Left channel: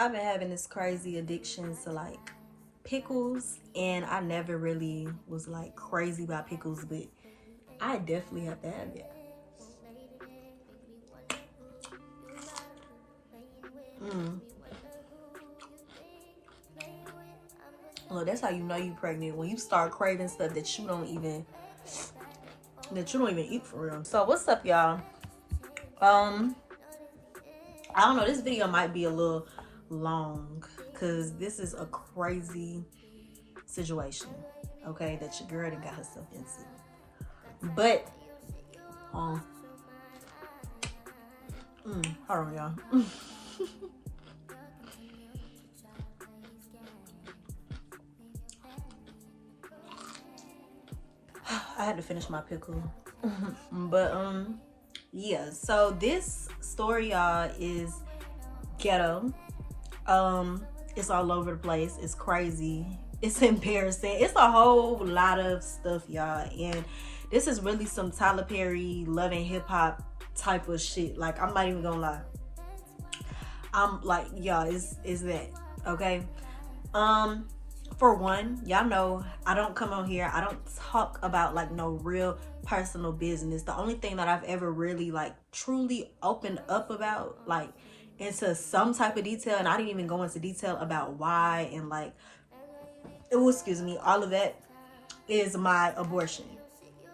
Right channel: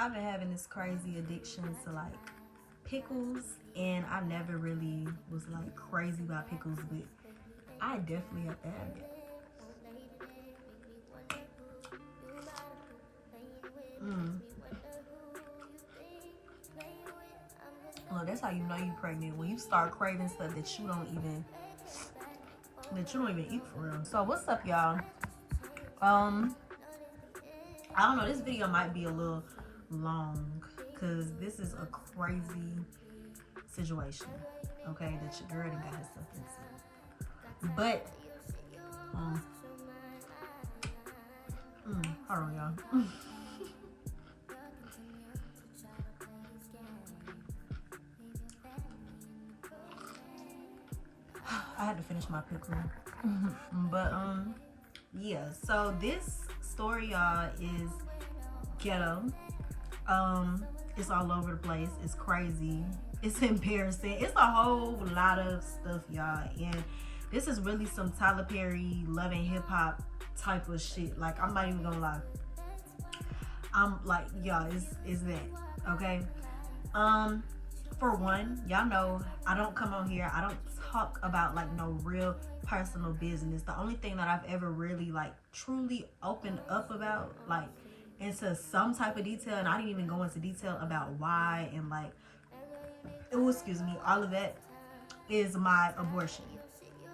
I've been having this crazy addiction to like pickles, and I never really was like crazy about pickles, but I definitely have to have it. Well, that's how you know you pregnant, when you start craving stuff that you don't even eat for real. So what's up, y'all? I don't know, this video might be a little long because this is a crazy situation, okay, that your girl done got herself into. But hold on, y'all. I had to finish my pickle. But yeah, so this story, y'all, is ghetto. It's all over the place. It's crazy. It's embarrassing. It's a whole lot of stuff, y'all. And this is really some Tyler Perry Love and Hip Hop type of shit. Like, I'm not even gonna lie. I'm like, y'all, is that okay? For one, y'all know I don't come on here, I don't talk about like no real personal business. The only thing that I've ever really like truly opened up about, like into some type of detail, and I didn't even go into detail about why and like, excuse me, all of that, is my abortion.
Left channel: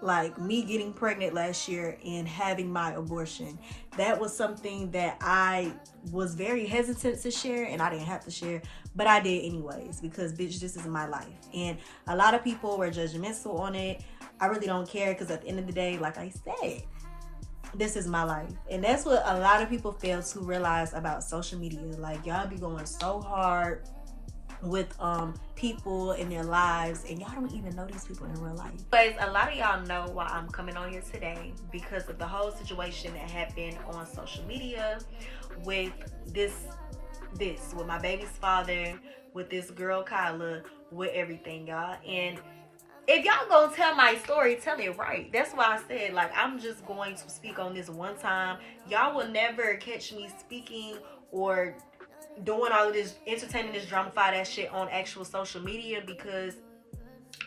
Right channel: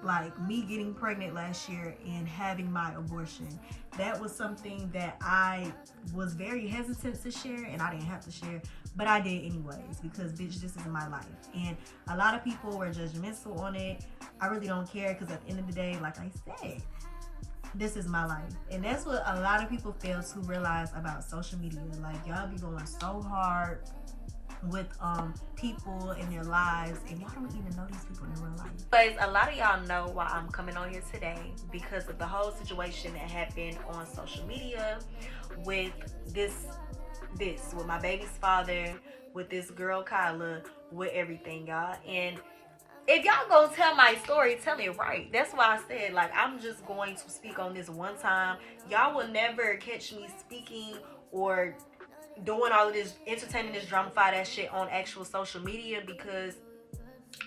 Like me getting pregnant last year and having my abortion. That was something that I was very hesitant to share, and I didn't have to share, but I did anyways, because bitch, this is my life. And a lot of people were judgmental on it. I really don't care, because at the end of the day, like I said, this is my life. And that's what a lot of people fail to realize about social media. Like, y'all be going so hard with people in their lives, and y'all don't even know these people in real life. But a lot of y'all know why I'm coming on here today, because of the whole situation that happened on social media with this with my baby's father, with this girl Kyla, with everything, y'all. And if y'all gonna tell my story, tell it right. That's why I said, like, I'm just going to speak on this one time. Y'all will never catch me speaking or doing all of this, entertaining this drama-fied ass shit on actual social media, because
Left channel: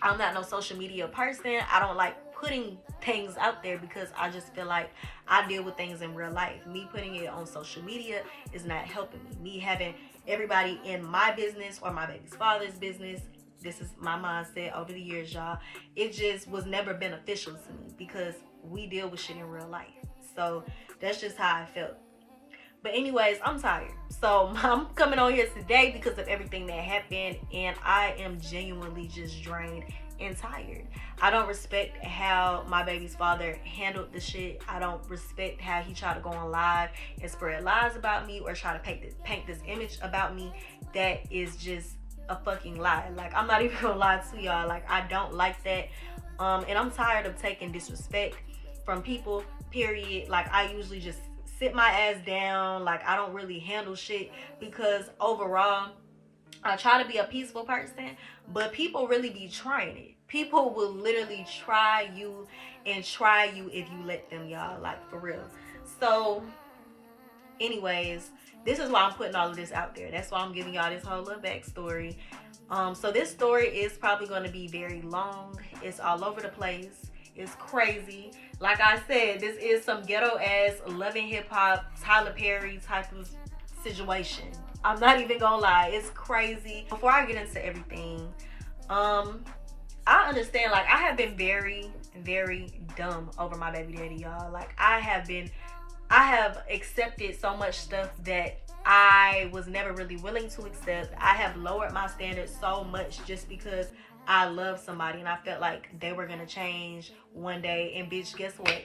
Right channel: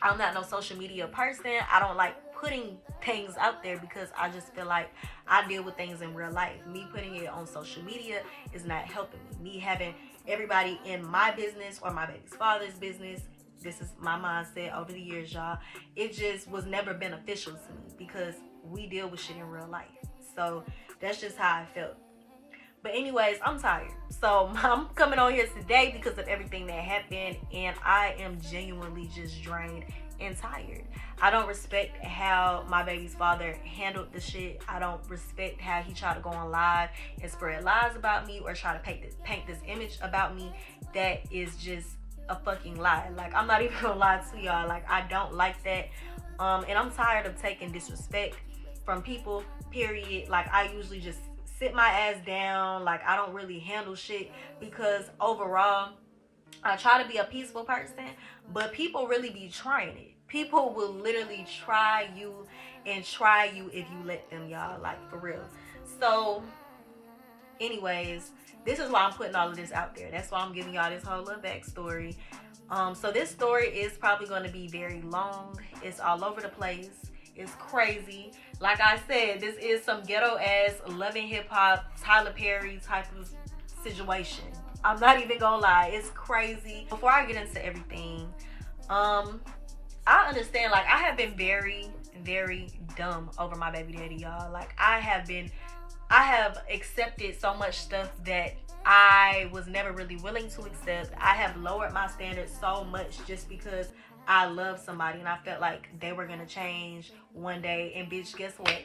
I'm not no social media person. I don't like putting things out there, because I just feel like I deal with things in real life. Me putting it on social media is not helping me. Me having everybody in my business or my baby's father's business, this is my mindset over the years, y'all. It just was never beneficial to me, because we deal with shit in real life. So that's just how I felt. But anyways, I'm tired. So I'm coming on here today because of everything that happened, and I am genuinely just drained and tired. I don't respect how my baby's father handled the shit. I don't respect how he tried to go on live and spread lies about me, or try to paint this image about me that is just a fucking lie. Like, I'm not even gonna lie to y'all. Like, I don't like that. And I'm tired of taking disrespect from people, period. Like, I usually just sit my ass down. Like, I don't really handle shit, because overall I try to be a peaceful person, but people really be trying it. People will literally try you and try you if you let them, y'all. Like, for real. So anyways, this is why I'm putting all of this out there. That's why I'm giving y'all this whole little backstory. So this story is probably going to be very long. It's all over the place. It's crazy. Like I said, this is some ghetto ass Love and Hip Hop, Tyler Perry type of situation. I'm not even gonna lie, it's crazy. Before I get into everything, I understand, like, I have been very, very dumb over my baby daddy, y'all. Like, I have accepted so much stuff that I was never really willing to accept. I have lowered my standards so much just because I love somebody, and I felt like they were gonna change one day. And bitch, guess what?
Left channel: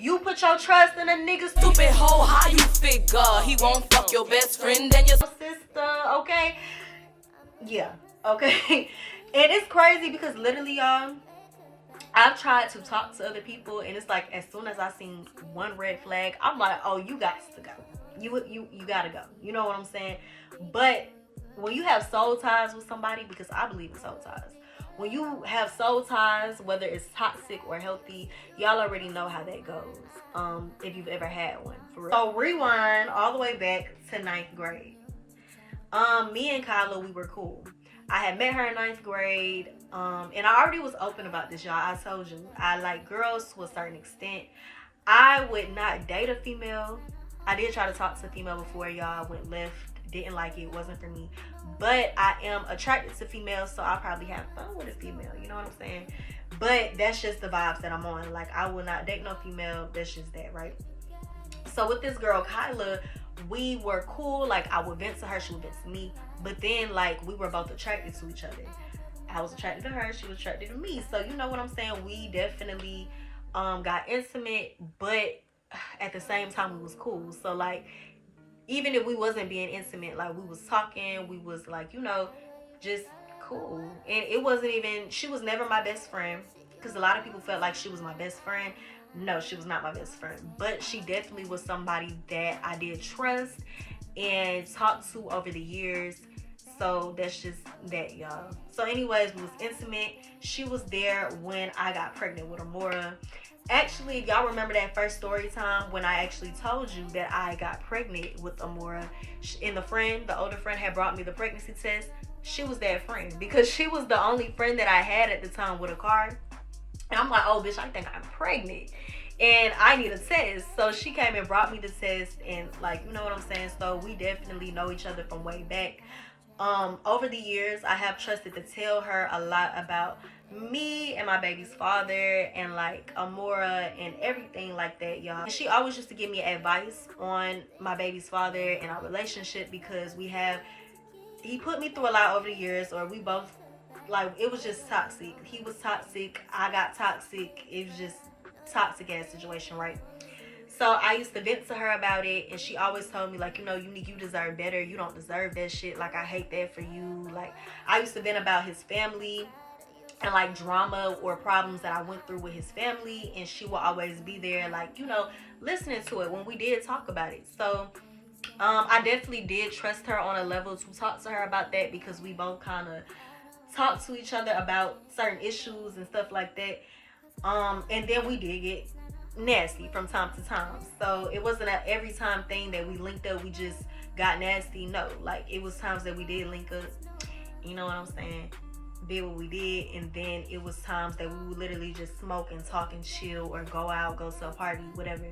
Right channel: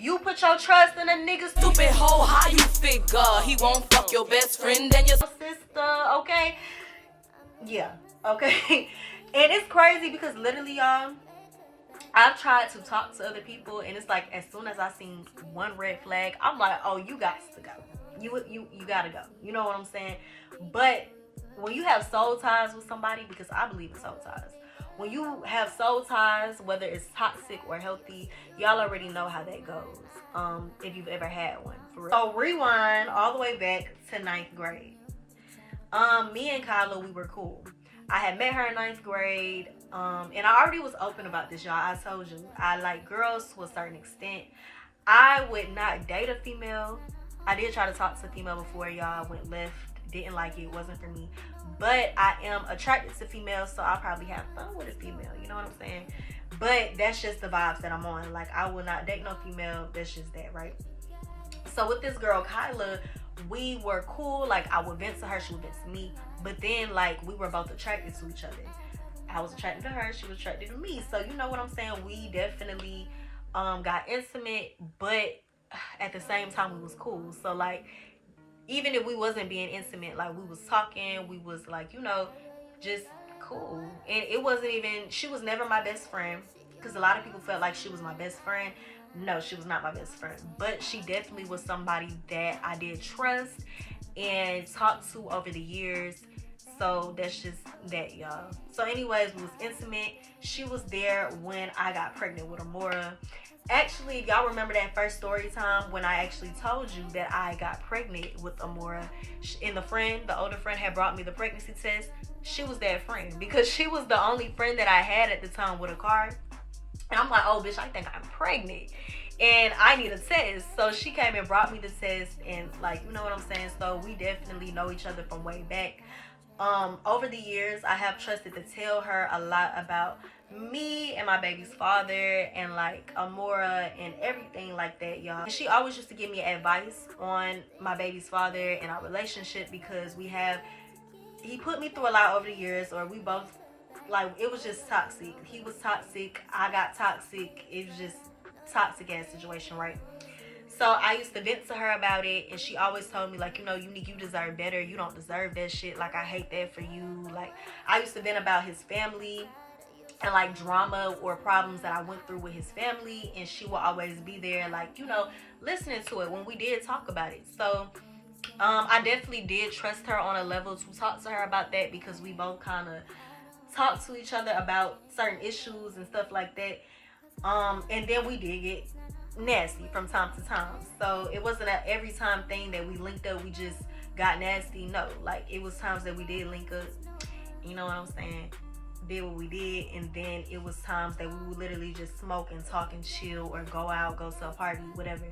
You put your trust in a nigga, stupid hoe, how you figure he won't fuck your best friend and your sister, okay? Yeah, okay. And it's crazy because literally, y'all, I've tried to talk to other people, and it's like, as soon as I seen one red flag, I'm like, oh, you got to go. You gotta go. You know what I'm saying? But when you have soul ties with somebody, because I believe in soul ties, when you have soul ties, whether it's toxic or healthy, y'all already know how that goes. If you've ever had one, for real. So rewind all the way back to 9th grade. Me and Kyla, we were cool. I had met her in 9th grade. And I already was open about this, y'all. I told you I like girls to a certain extent. I would not date a female. I did try to talk to a female before, y'all. I went left. Didn't like it. Wasn't for me. But I am attracted to females, so I'll probably have fun with a female. You know what I'm saying? But that's just the vibes that I'm on. Like, I will not date no female. That's just that, right? So with this girl, Kyla, we were cool. Like, I would vent to her. She would vent to me. But then, like, we were both attracted to each other. I was attracted to her. She was attracted to me. So, you know what I'm saying? We definitely got intimate. But at the same time, we was cool. So, like, even if we wasn't being intimate, like, we was talking, we was, like, you know, just cool. And it wasn't even, she was never my best friend, because a lot of people felt like she was my best friend. No, she was not my best friend, but she definitely was somebody that I did trust and talk to over the years. So that's just that, y'all. So anyways, we was intimate. She was there when I got pregnant with Amora. Actually, y'all remember that first story time when I actually told you that I got pregnant with Amora, and the older friend had brought me the pregnancy test. She was that friend, because she was the only friend that I had at the time with a car. And I'm like, oh, bitch, I think I'm pregnant and I need a test. So she came and brought me the test, and, like, you know what I'm saying? So we definitely know each other from way back. Over the years, I have trusted to tell her a lot about me and my baby's father and, like, Amora and everything like that, y'all. And she always used to give me advice on my baby's father and our relationship, because he put me through a lot over the years, or we both, like, it was just toxic. He was toxic. I got toxic. It was just toxic ass situation, right? So I used to vent to her about it, and she always told me, like, you know, you deserve better. You don't deserve that shit. Like, I hate that for you. Like, I used to vent about his family and, like, drama or problems that I went through with his family, and she will always be there, like, you know, listening to it when we did talk about it. So I definitely did trust her on a level to talk to her about that, because we both kind of talk to each other about certain issues and stuff like that. And then we did get nasty from time to time. So it wasn't an every time thing that we linked up, we just got nasty. No, like, it was times that we did link up, you know what I'm saying, did what we did. And then it was times that we would literally just smoke and talk and chill, or go out, go to a party, whatever.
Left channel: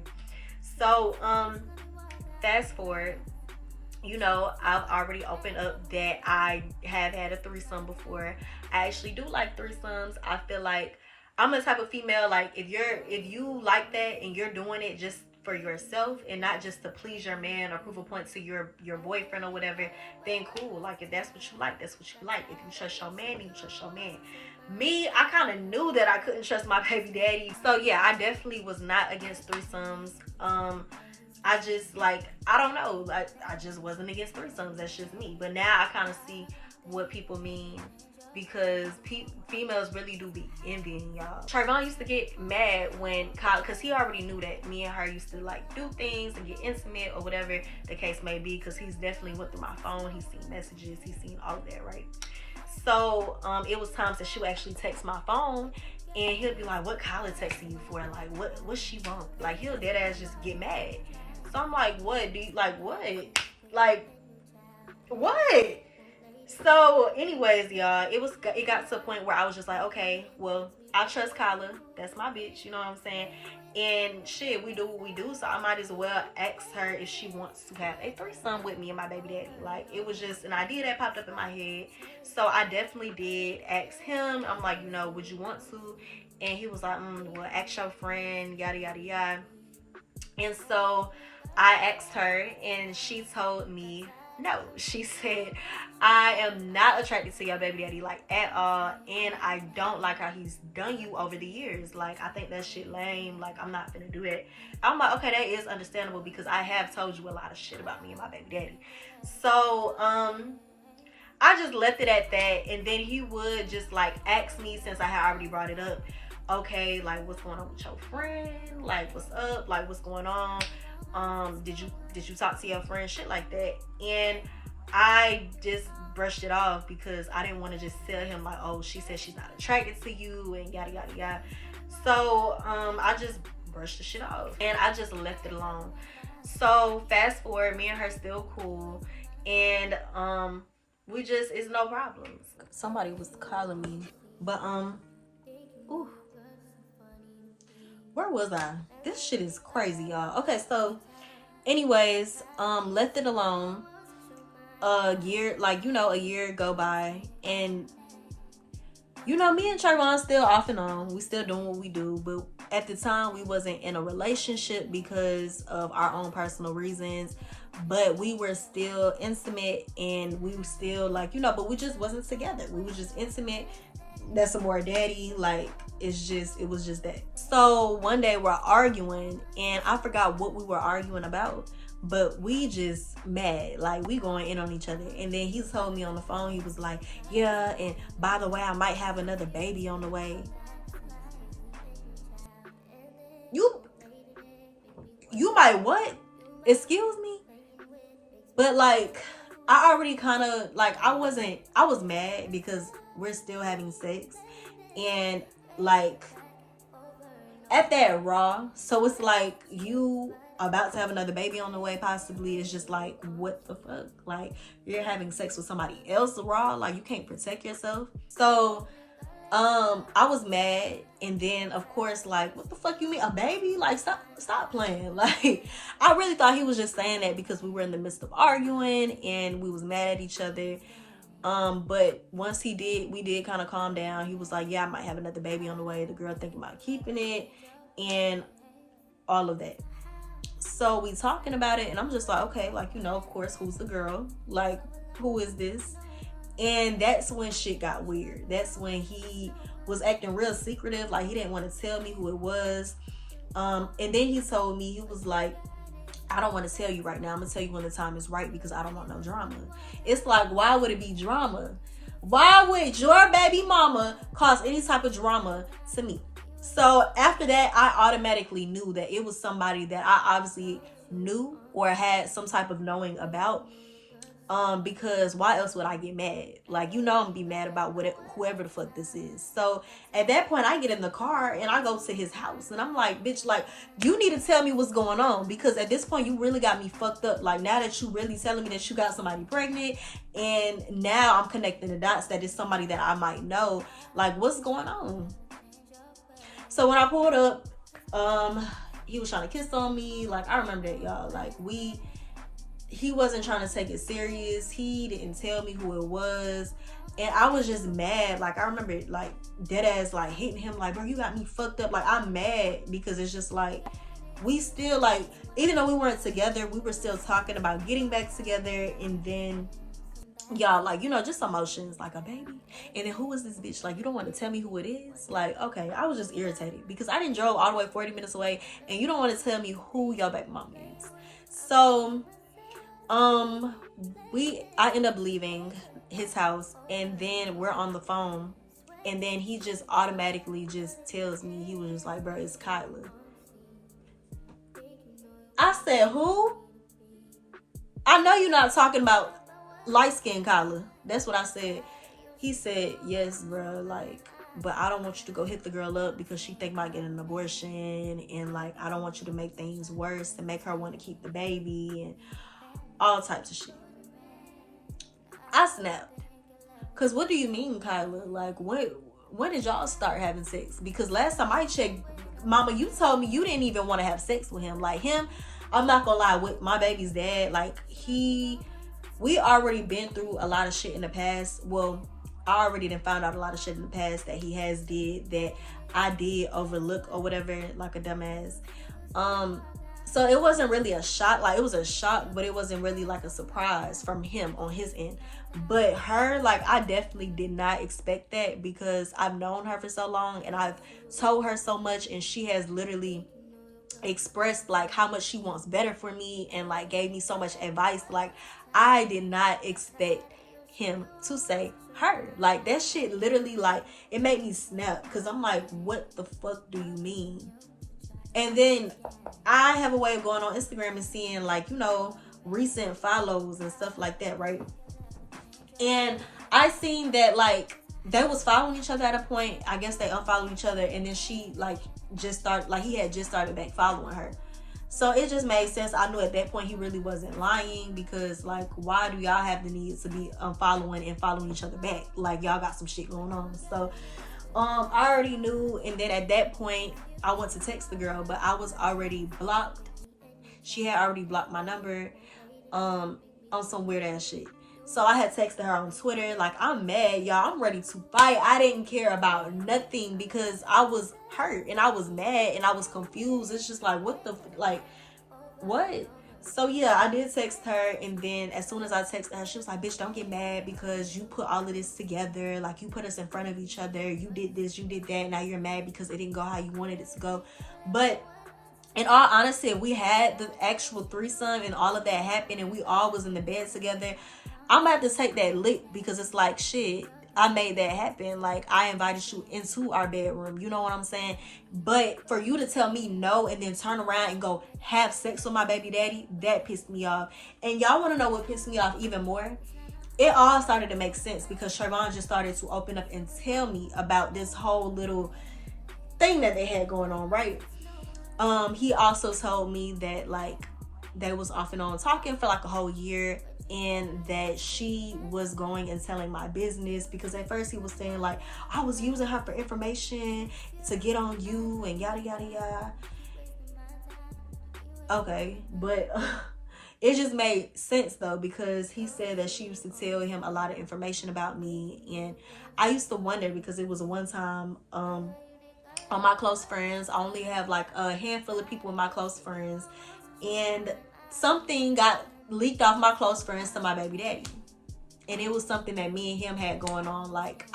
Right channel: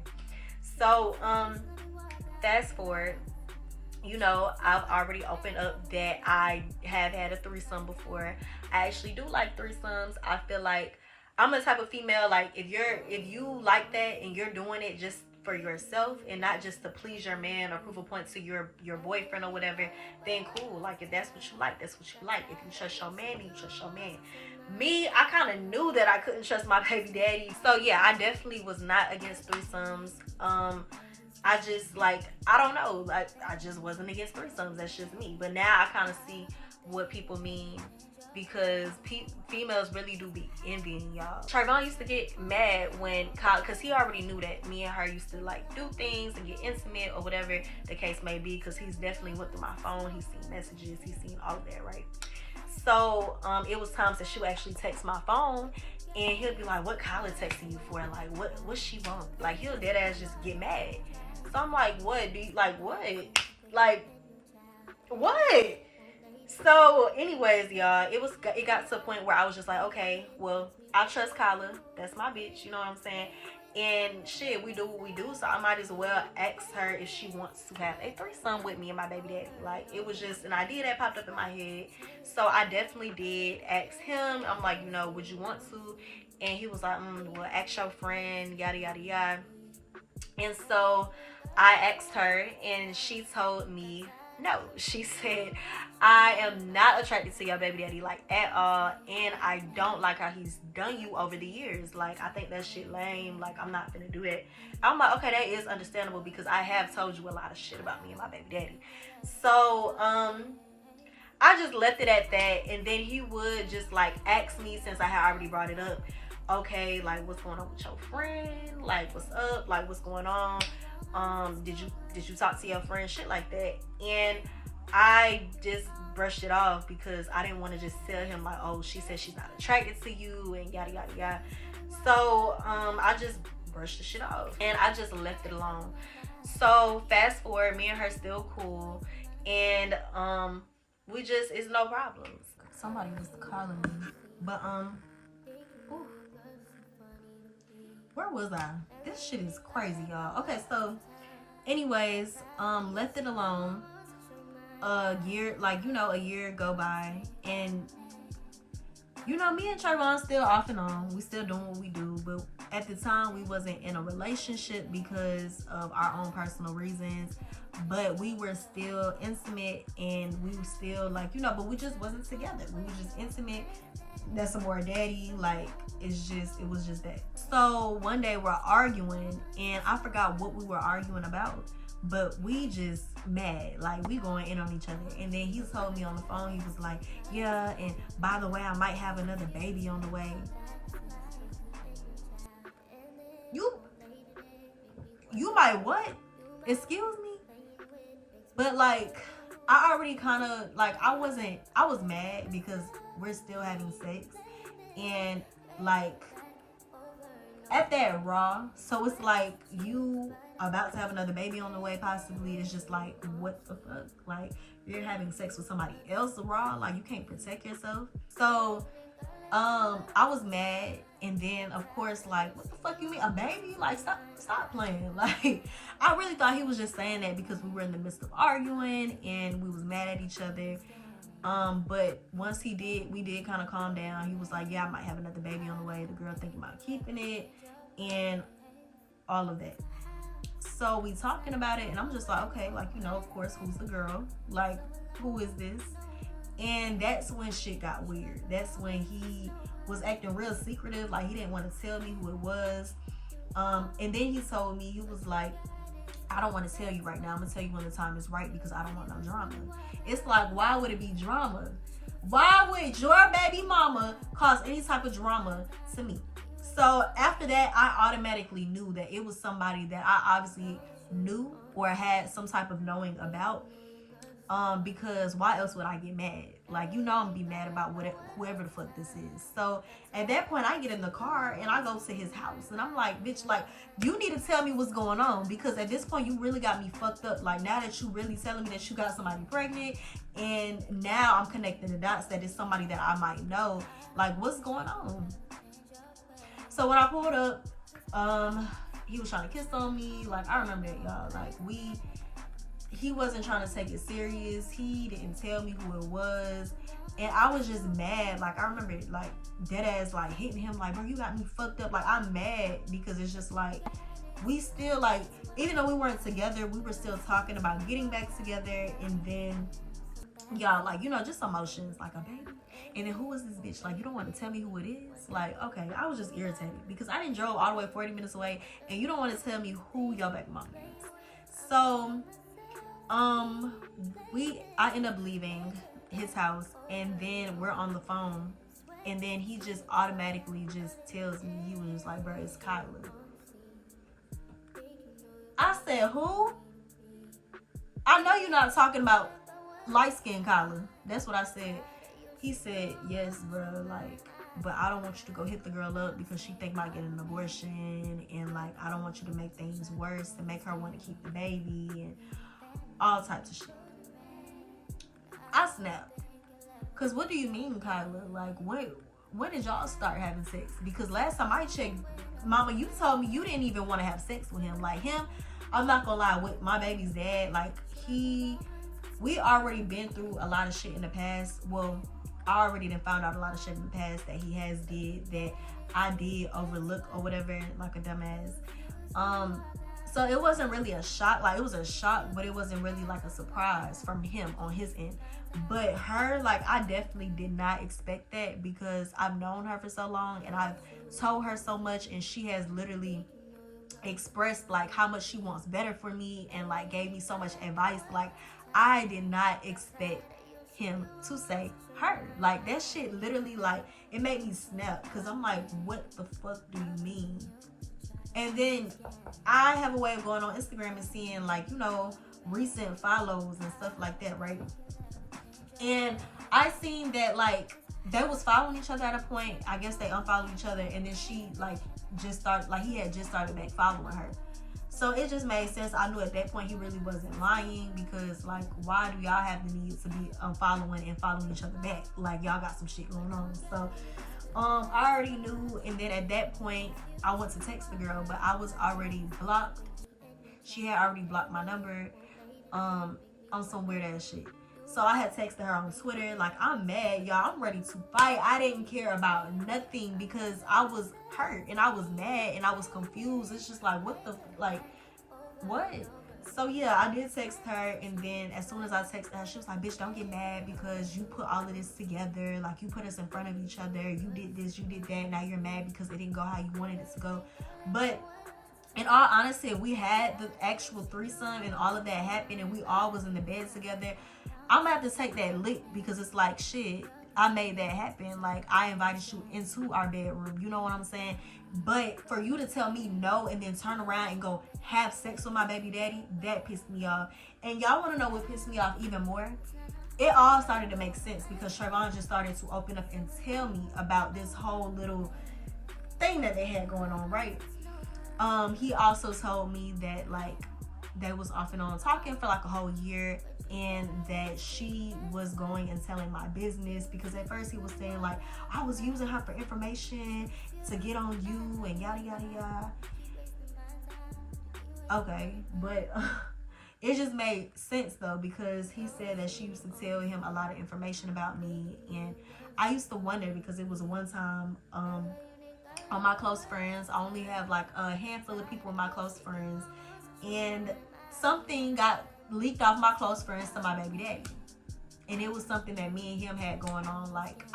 So fast forward, you know, I've already opened up that I have had a threesome before. I actually do like threesomes. I feel like I'm the type of female, like, if you like that and you're doing it just for yourself and not just to please your man or prove a point to your boyfriend or whatever, then cool. Like, if that's what you like, that's what you like. If you trust your man, then you trust your man. Me, I kind of knew that I couldn't trust my baby daddy. So yeah, I definitely was not against threesomes. I just, like, I don't know, like, I just wasn't against threesomes. That's just me. But now I kind of see what people mean, because females really do be envying y'all. Trayvon used to get mad when Kyle, because he already knew that me and her used to, like, do things and get intimate or whatever the case may be, because he's definitely went through my phone. He's seen messages. He's seen all of that, right? So it was times that she would actually text my phone, and he'll be like, what Kyla texting you for? Like, what she want? Like, he'll dead ass just get mad. So I'm like, what? Do you, like, what? Like, what? So anyways, y'all, it got to a point where I was just like, okay, well, I trust Kyla. That's my bitch, you know what I'm saying? And shit, we do what we do, so I might as well ask her if she wants to have a threesome with me and my baby daddy. Like, it was just an idea that popped up in my head. So I definitely did ask him. I'm like, you know, would you want to? And he was like, well, ask your friend, yada, yada, yada. And so I asked her, and she told me no. She said, I am not attracted to your baby daddy, like, at all, and I don't like how he's done you over the years. Like, I think that shit lame. Like, I'm not gonna do that. I'm like, okay, that is understandable, because I have told you a lot of shit about me and my baby daddy. So I just left it at that. And then he would just, like, ask me, since I had already brought it up, okay, like, what's going on with your friend? Like, what's up? Like, what's going on? Did you talk to your friend? Shit like that. And I just brushed it off, because I didn't want to just tell him, like, oh, she said she's not attracted to you and yada yada yada. So I just brushed the shit off, and I just left it alone. So fast forward, me and her still cool, And we just, it's no problems. Somebody was calling me, but ooh, where was I? This shit is crazy, y'all. Okay, so anyways, left it alone. A year, like, you know, a year go by, and you know, me and Trayvon still off and on. We still doing what we do, but at the time we wasn't in a relationship because of our own personal reasons. But we were still intimate, and we were still, like, you know, but we just wasn't together. We were just intimate. That's some more daddy. Like, it was just that. So one day we're arguing, and I forgot what we were arguing about, but we just mad, like we going in on each other. And then he told me on the phone, he was like, yeah, and by the way, I might have another baby on the way. You might what? Excuse me? But like, I already kind of, like, I was mad because we're still having sex, and like at that raw. So it's like, you about to have another baby on the way, possibly. It's just like, what the fuck? Like, you're having sex with somebody else raw, like you can't protect yourself. So I was mad. And then of course, like, what the fuck you mean a baby? Like, stop playing. Like, I really thought he was just saying that because we were in the midst of arguing and we was mad at each other. But once we did kind of calm down. He was like, yeah, I might have another baby on the way. The girl thinking about keeping it and all of that. So we talking about it, and I'm just like, okay, like, you know, of course, who's the girl? Like, who is this? And that's when shit got weird. That's when he was acting real secretive. Like, he didn't want to tell me who it was. And then he told me, he was like, I don't want to tell you right now. I'm going to tell you when the time is right because I don't want no drama. It's like, why would it be drama? Why would your baby mama cause any type of drama to me? So after that, I automatically knew that it was somebody that I obviously knew or had some type of knowing about. Because why else would I get mad? Like, you know, I'm gonna be mad about whoever the fuck this is. So at that point, I get in the car and I go to his house, and I'm like, bitch, like, you need to tell me what's going on, because at this point, you really got me fucked up. Like, now that you really telling me that you got somebody pregnant, and now I'm connecting the dots that it's somebody that I might know. Like, what's going on? So when I pulled up, he was trying to kiss on me. Like, I remember that, y'all. Like, he wasn't trying to take it serious. He didn't tell me who it was. And I was just mad. Like, I remember, like, dead ass, like, hitting him, like, bro, you got me fucked up. Like, I'm mad because it's just like, we still, like, even though we weren't together, we were still talking about getting back together. And then, y'all, like, you know, just emotions, like, a baby. And then, who is this bitch? Like, you don't want to tell me who it is? Like, okay, I was just irritated because I didn't drove all the way 40 minutes away, and you don't want to tell me who your baby mama is. So I end up leaving his house, and then we're on the phone, and then he just automatically just tells me, he was just like, bro, it's Kyla. I said, who? I know you're not talking about light-skinned Kyla. That's what I said. He said, yes, bro, like, but I don't want you to go hit the girl up because she think about getting an abortion, and like, I don't want you to make things worse and make her want to keep the baby and all types of shit. I snapped. Cause what do you mean, Kyla? Like, when did y'all start having sex? Because last time I checked, mama, you told me you didn't even want to have sex with him. Like, him, I'm not gonna lie, with my baby's dad, like, we already been through a lot of shit in the past. Well, I already done found out a lot of shit in the past that he has did that I did overlook or whatever, like a dumbass. So it wasn't really a shock. Like, it was a shock, but it wasn't really like a surprise from him on his end. But her, like, I definitely did not expect that because I've known her for so long and I've told her so much, and she has literally expressed like how much she wants better for me and like gave me so much advice. Like, I did not expect him to say her. Like, that shit literally, like, it made me snap because I'm like, what the fuck do you mean? And then I have a way of going on Instagram and seeing, like, you know, recent follows and stuff like that, right? And I seen that, like, they was following each other at a point. I guess they unfollowed each other, and then she, like, just started, like, he had just started back following her. So it just made sense. I knew at that point he really wasn't lying, because like, why do y'all have the need to be unfollowing and following each other back? Like, y'all got some shit going on. So I already knew. And then at that point I went to text the girl, but I was already blocked. She had already blocked my number on some weird ass shit. So I had texted her on Twitter, like, I'm mad, y'all. I'm ready to fight. I didn't care about nothing because I was hurt and I was mad and I was confused. It's just like, what the, like, what? So yeah, I did text her, and then as soon as I texted her, she was like, bitch, don't get mad because you put all of this together. Like, you put us in front of each other. You did this, you did that. Now you're mad because it didn't go how you wanted it to go. But in all honesty, if we had the actual threesome and all of that happened and we all was in the bed together, I'm gonna have to take that lick, because it's like, shit, I made that happen. Like, I invited you into our bedroom. You know what I'm saying? But for you to tell me no and then turn around and go have sex with my baby daddy, that pissed me off. And y'all want to know what pissed me off even more? It all started to make sense because Trayvon just started to open up and tell me about this whole little thing that they had going on, right? He also told me that, like, they was off and on talking for like a whole year, and that she was going and telling my business, because at first he was saying like, I was using her for information to get on you and yada yada yada. Okay, but it just made sense though, because he said that she used to tell him a lot of information about me, and I used to wonder, because it was one time on my close friends, I only have like a handful of people in my close friends, and something got leaked off my close friends to my baby daddy, and it was something that me and him had going on. Like,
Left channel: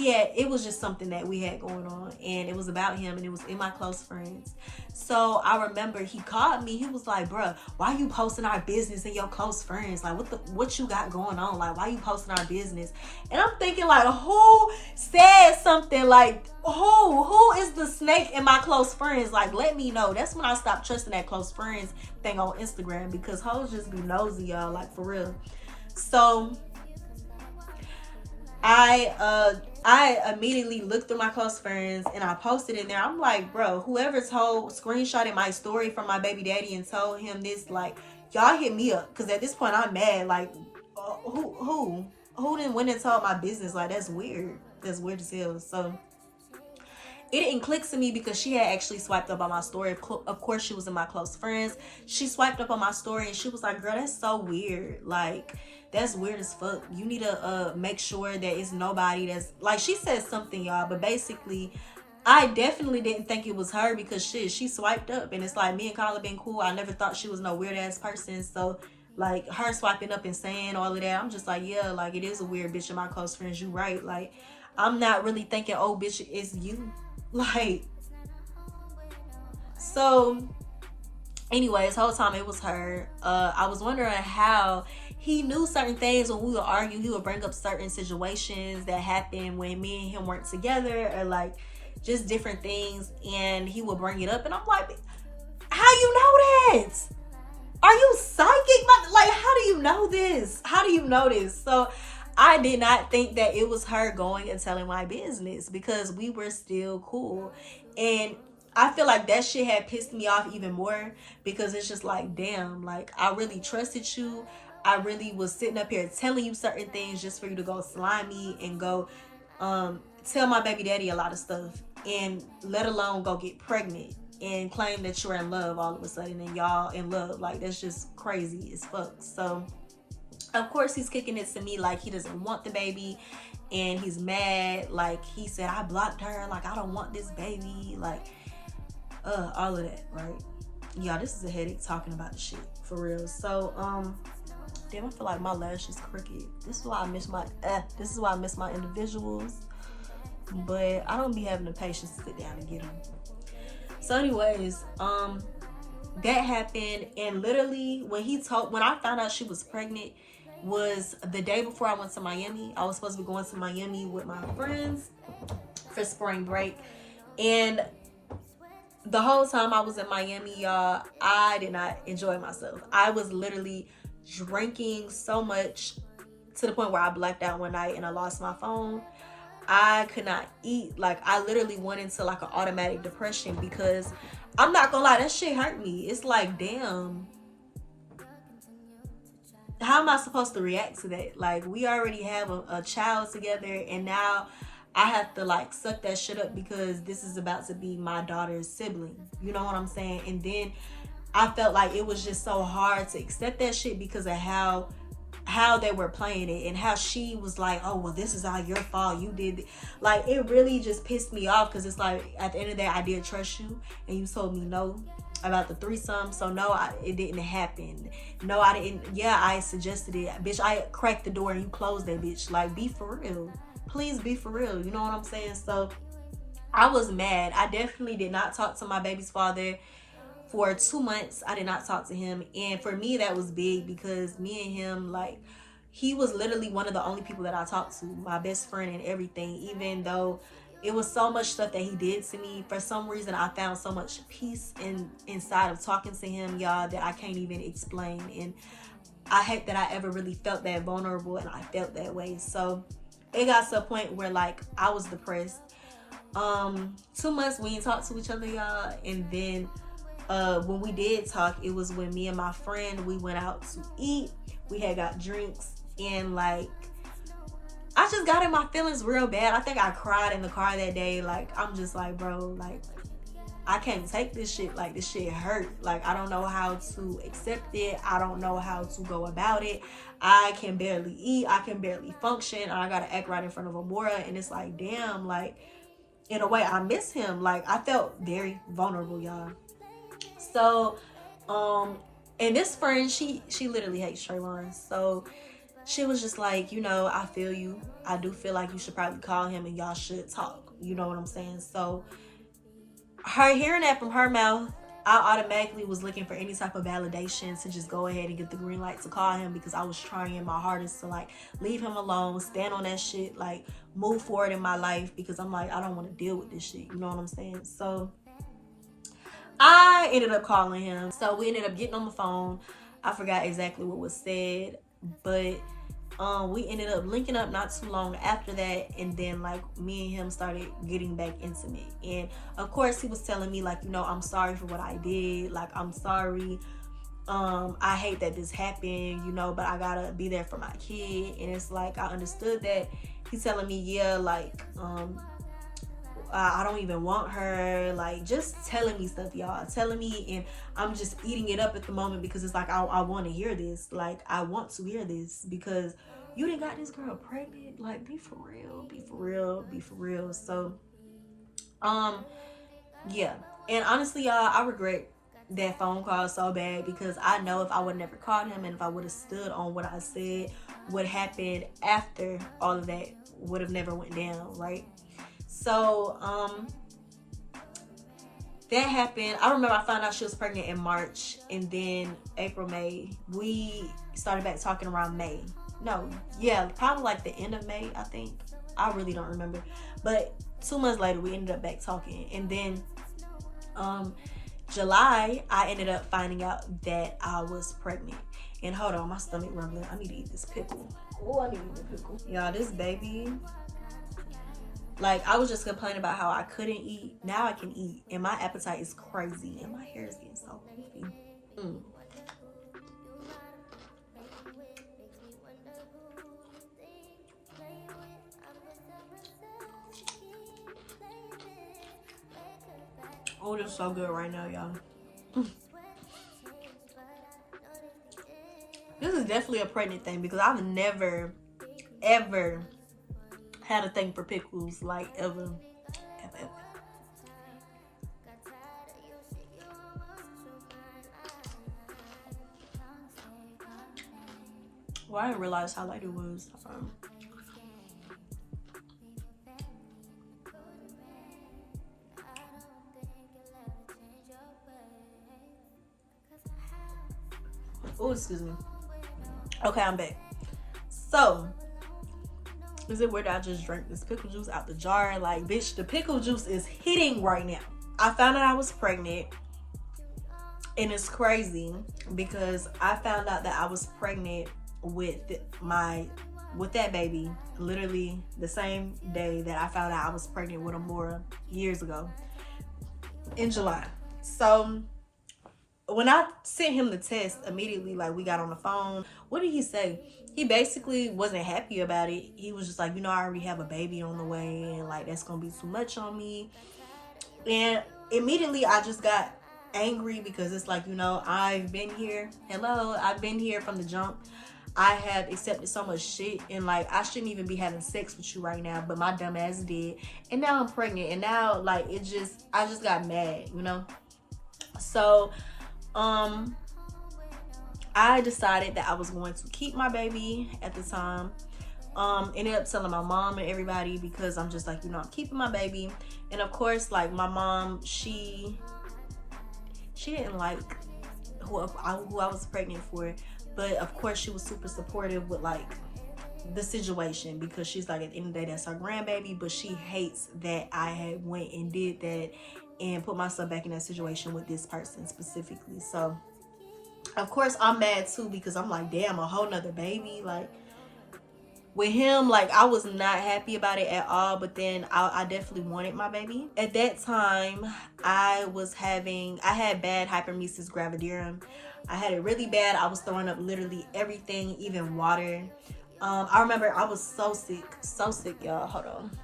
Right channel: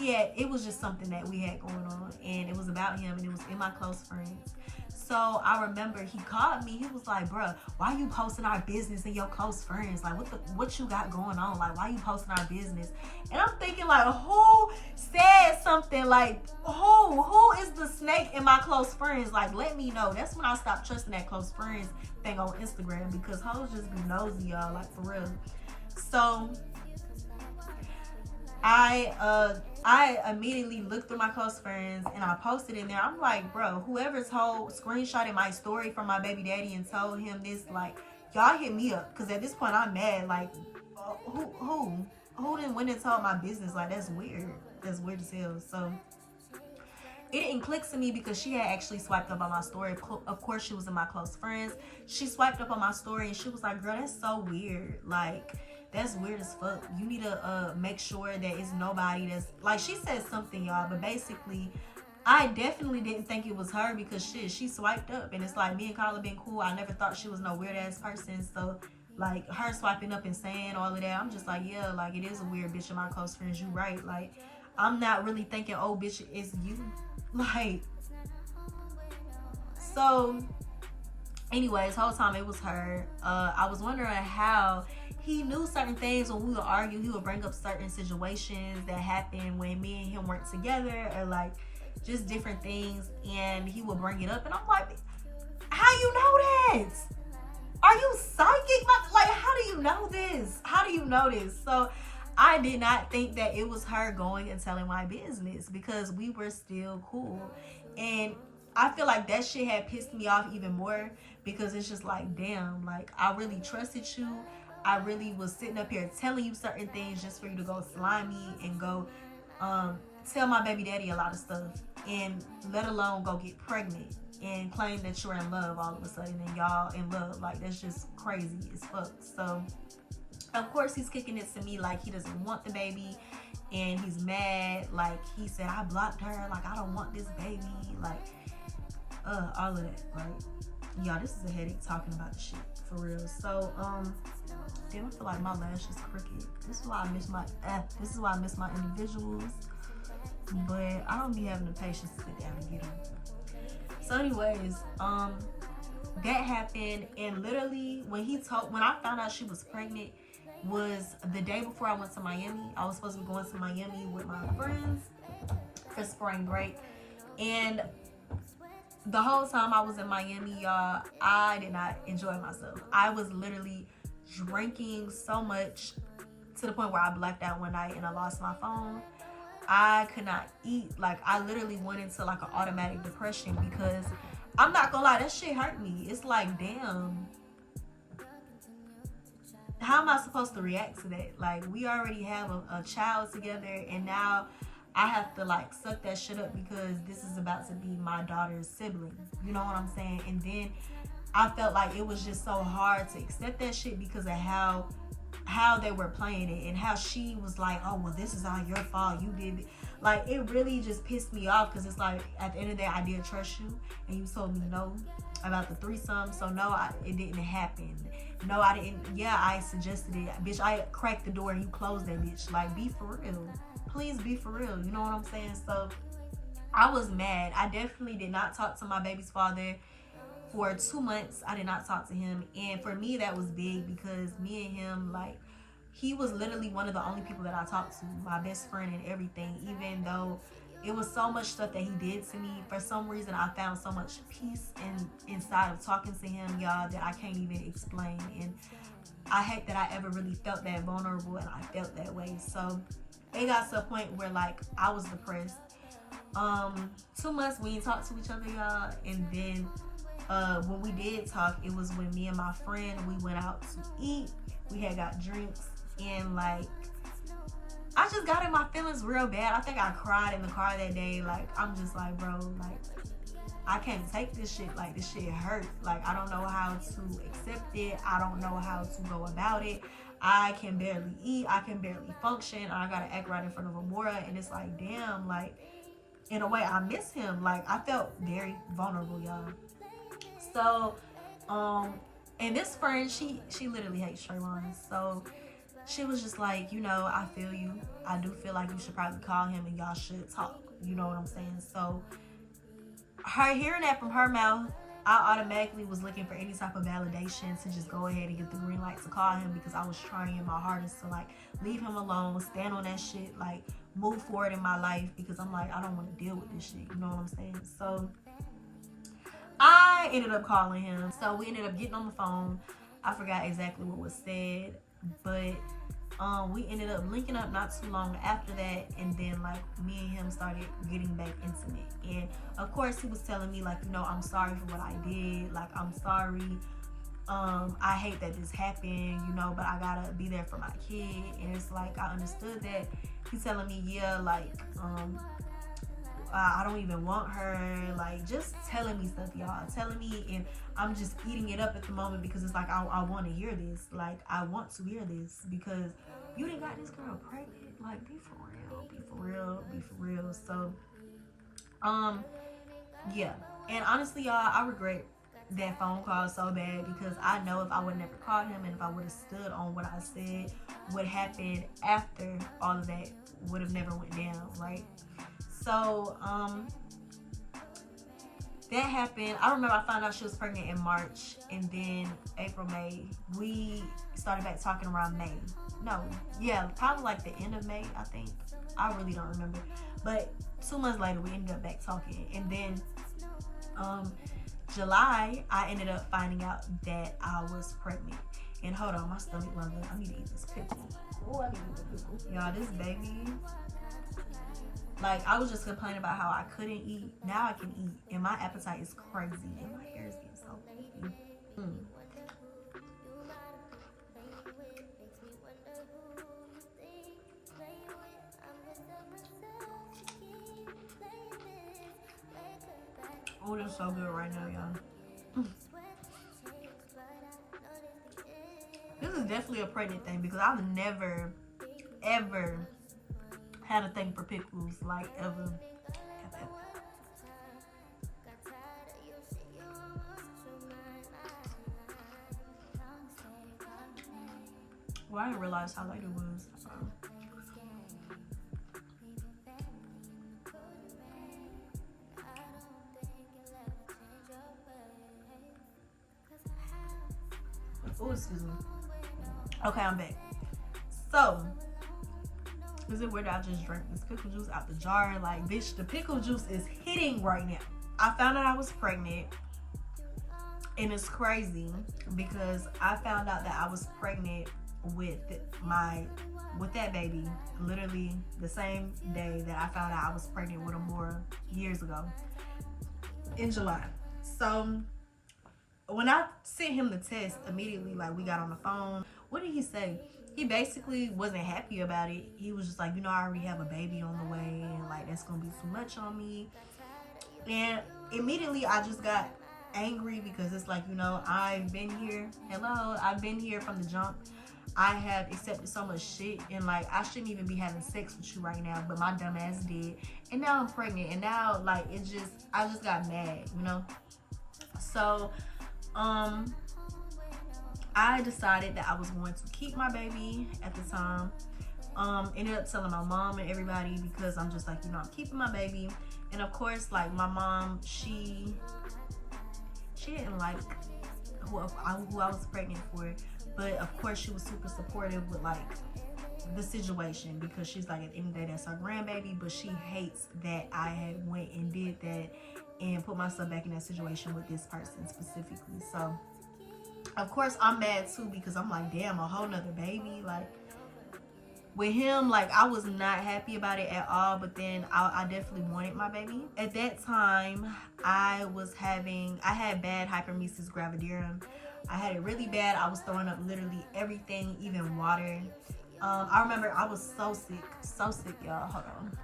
it was just something that we had going on, and it was about him, and it was in my close friends. So I remember he called me. He was like, bruh, why you posting our business in your close friends? Like, what you got going on? Like, why you posting our business? And I'm thinking, like, who said something? Like, who is the snake in my close friends? Like, let me know. That's when I stopped trusting that close friends thing on Instagram, because hoes just be nosy, y'all, like, for real. So I immediately looked through my close friends and I posted in there. I'm like, bro, whoever screenshotted my story from my baby daddy and told him this, like, y'all hit me up, because at this point I'm mad. Like, who didn't went and told my business? Like, that's weird. That's weird as hell. So it didn't click to me, because she had actually swiped up on my story. Of course, she was in my close friends. She swiped up on my story and she was like, girl, that's so weird. Like, that's weird as fuck. You need to make sure that it's nobody that's, like, she said something, y'all, but basically I definitely didn't think it was her, because shit, she swiped up, and it's like, me and Carla been cool. I never thought she was no weird ass person. So like, her swiping up and saying all of that, I'm just like, yeah, like, it is a weird bitch in my close friends. You right. Like, I'm not really thinking, oh bitch, it's you. Like, so anyways, whole time it was her. I was wondering how he knew certain things. When we would argue, he would bring up certain situations that happened when me and him weren't together, or like just different things, and he would bring it up, and I'm like, how you know that? Are you psychic? Like, how do you know this? How do you know this? So I did not think that it was her going and telling my business, because we were still cool. And I feel like that shit had pissed me off even more, because it's just like, damn, like, I really trusted you. I really was sitting up here telling you certain things just for you to go slime me and go tell my baby daddy a lot of stuff, and let alone go get pregnant and claim that you're in love all of a sudden, and y'all in love. Like, that's just crazy as fuck. So of course he's kicking it to me like he doesn't want the baby, and he's mad. Like, he said, I blocked her, like, I don't want this baby, like, all of that, right? Y'all, this is a headache talking about the shit, for real. So damn, I feel like my lash is crooked. This is why I miss my individuals, but I don't be having the patience to sit down and get them. So anyways, that happened, and literally when I found out she was pregnant was the day before I went to Miami. I was supposed to be going to Miami with my friends for spring break, and the whole time I was in Miami, y'all, I did not enjoy myself. I was literally drinking so much to the point where I blacked out one night and I lost my phone. I could not eat. Like, I literally went into like an automatic depression, because I'm not gonna lie, that shit hurt me. It's like, damn, how am I supposed to react to that? Like, we already have a child together, and now I have to like suck that shit up because this is about to be my daughter's sibling. You know what I'm saying? And then I felt like it was just so hard to accept that shit because of how they were playing it and how she was like, oh, well, this is all your fault, you did it. Like, it really just pissed me off because it's like, at the end of the day, I did trust you and you told me no about the threesome. So no, it didn't happen. No, I didn't. Yeah, I suggested it, bitch. I cracked the door and you closed that bitch. Like, be for real, please be for real. You know what I'm saying? So I was mad. I definitely did not talk to my baby's father for 2 months. I did not talk to him, and for me that was big because me and him, like, he was literally one of the only people that I talked to, my best friend and everything. Even though it was so much stuff that he did to me, for some reason I found so much peace inside of talking to him, y'all, that I can't even explain. And I hate that I ever really felt that vulnerable and I felt that way. So it got to a point where like I was depressed. 2 months we didn't talk to each other, y'all, and then when we did talk, it was when me and my friend, we went out to eat. We had got drinks, and like, I just got in my feelings real bad. I think I cried in the car that day. Like, I'm just like, bro, like, I can't take this shit. Like, this shit hurt. Like, I don't know how to accept it. I don't know how to go about it. I can barely eat. I can barely function. I gotta act right in front of Amora, and it's like, damn, like, in a way, I miss him. Like, I felt very vulnerable, y'all. So, and this friend, she literally hates Trayvon. So she was just like, you know, I feel you. I do feel like you should probably call him and y'all should talk. You know what I'm saying? So her hearing that from her mouth, I automatically was looking for any type of validation to just go ahead and get the green light to call him, because I was trying my hardest to like leave him alone, stand on that shit, like move forward in my life, because I'm like, I don't want to deal with this shit. You know what I'm saying? So I ended up calling him. So we ended up getting on the phone. I forgot exactly what was said, but we ended up linking up not too long after that, and then like me and him started getting back intimate. And of course he was telling me like, you know, I'm sorry for what I did, like, I'm sorry, I hate that this happened, you know, but I gotta be there for my kid. And it's like, I understood that. He's telling me, yeah, like, I don't even want her, like, just telling me stuff, y'all, telling me, and I'm just eating it up at the moment because it's like, I want to hear this, like, I want to hear this, because you done got this girl pregnant, like, be for real, be for real, be for real. So yeah, and honestly, y'all, I regret that phone call so bad, because I know if I would never called him and if I would have stood on what I said, what happened after all of that would have never went down, right? So that happened. I remember I found out she was pregnant in March, and then April, May, we started back talking around May. No, yeah, probably like the end of May, I think. I really don't remember. But 2 months later, we ended up back talking. And then July, I ended up finding out that I was pregnant. And hold on, my stomach rumbling. I need to eat this pickle. Oh, I need to eat this pickle. Y'all, this baby, like, I was just complaining about how I couldn't eat. Now I can eat, and my appetite is crazy, and my hair is getting so puffy. Oh, this is so good right now, y'all. This is definitely a pregnant thing, because I've never, ever had a thing for pickles, like, ever. Well, I didn't realize how light it was. Oh, excuse me. Okay, I'm back. So, is it weird that I just drank this pickle juice out the jar? Like, bitch, the pickle juice is hitting right now. I found out I was pregnant, and it's crazy because I found out that I was pregnant with that baby literally the same day that I found out I was pregnant with Amora years ago, in July. So when I sent him the test immediately, like we got on the phone, what did he say? He basically wasn't happy about it. He was just like, you know, I already have a baby on the way, and like that's gonna be too much on me. And immediately I just got angry because it's like, you know, I've been here. Hello, I've been here from the jump. I have accepted so much shit, and like I shouldn't even be having sex with you right now, but my dumb ass did, and now I'm pregnant, and now like I just got mad, you know. So I decided that I was going to keep my baby at the time. Ended up telling my mom and everybody because I'm just like, you know, I'm keeping my baby. And of course, like my mom, she didn't like who I was pregnant for, but of course she was super supportive with like the situation, because she's like, at the end of the day, that's her grandbaby, but she hates that I had went and did that and put myself back in that situation with this person specifically. So of course I'm mad too, because I'm like, damn, a whole nother baby. Like with him, like I was not happy about it at all, but then I definitely wanted my baby. At that time, I had bad hyperemesis gravidarum. I had it really bad. I was throwing up literally everything, even water. I remember I was so sick, y'all. Hold on.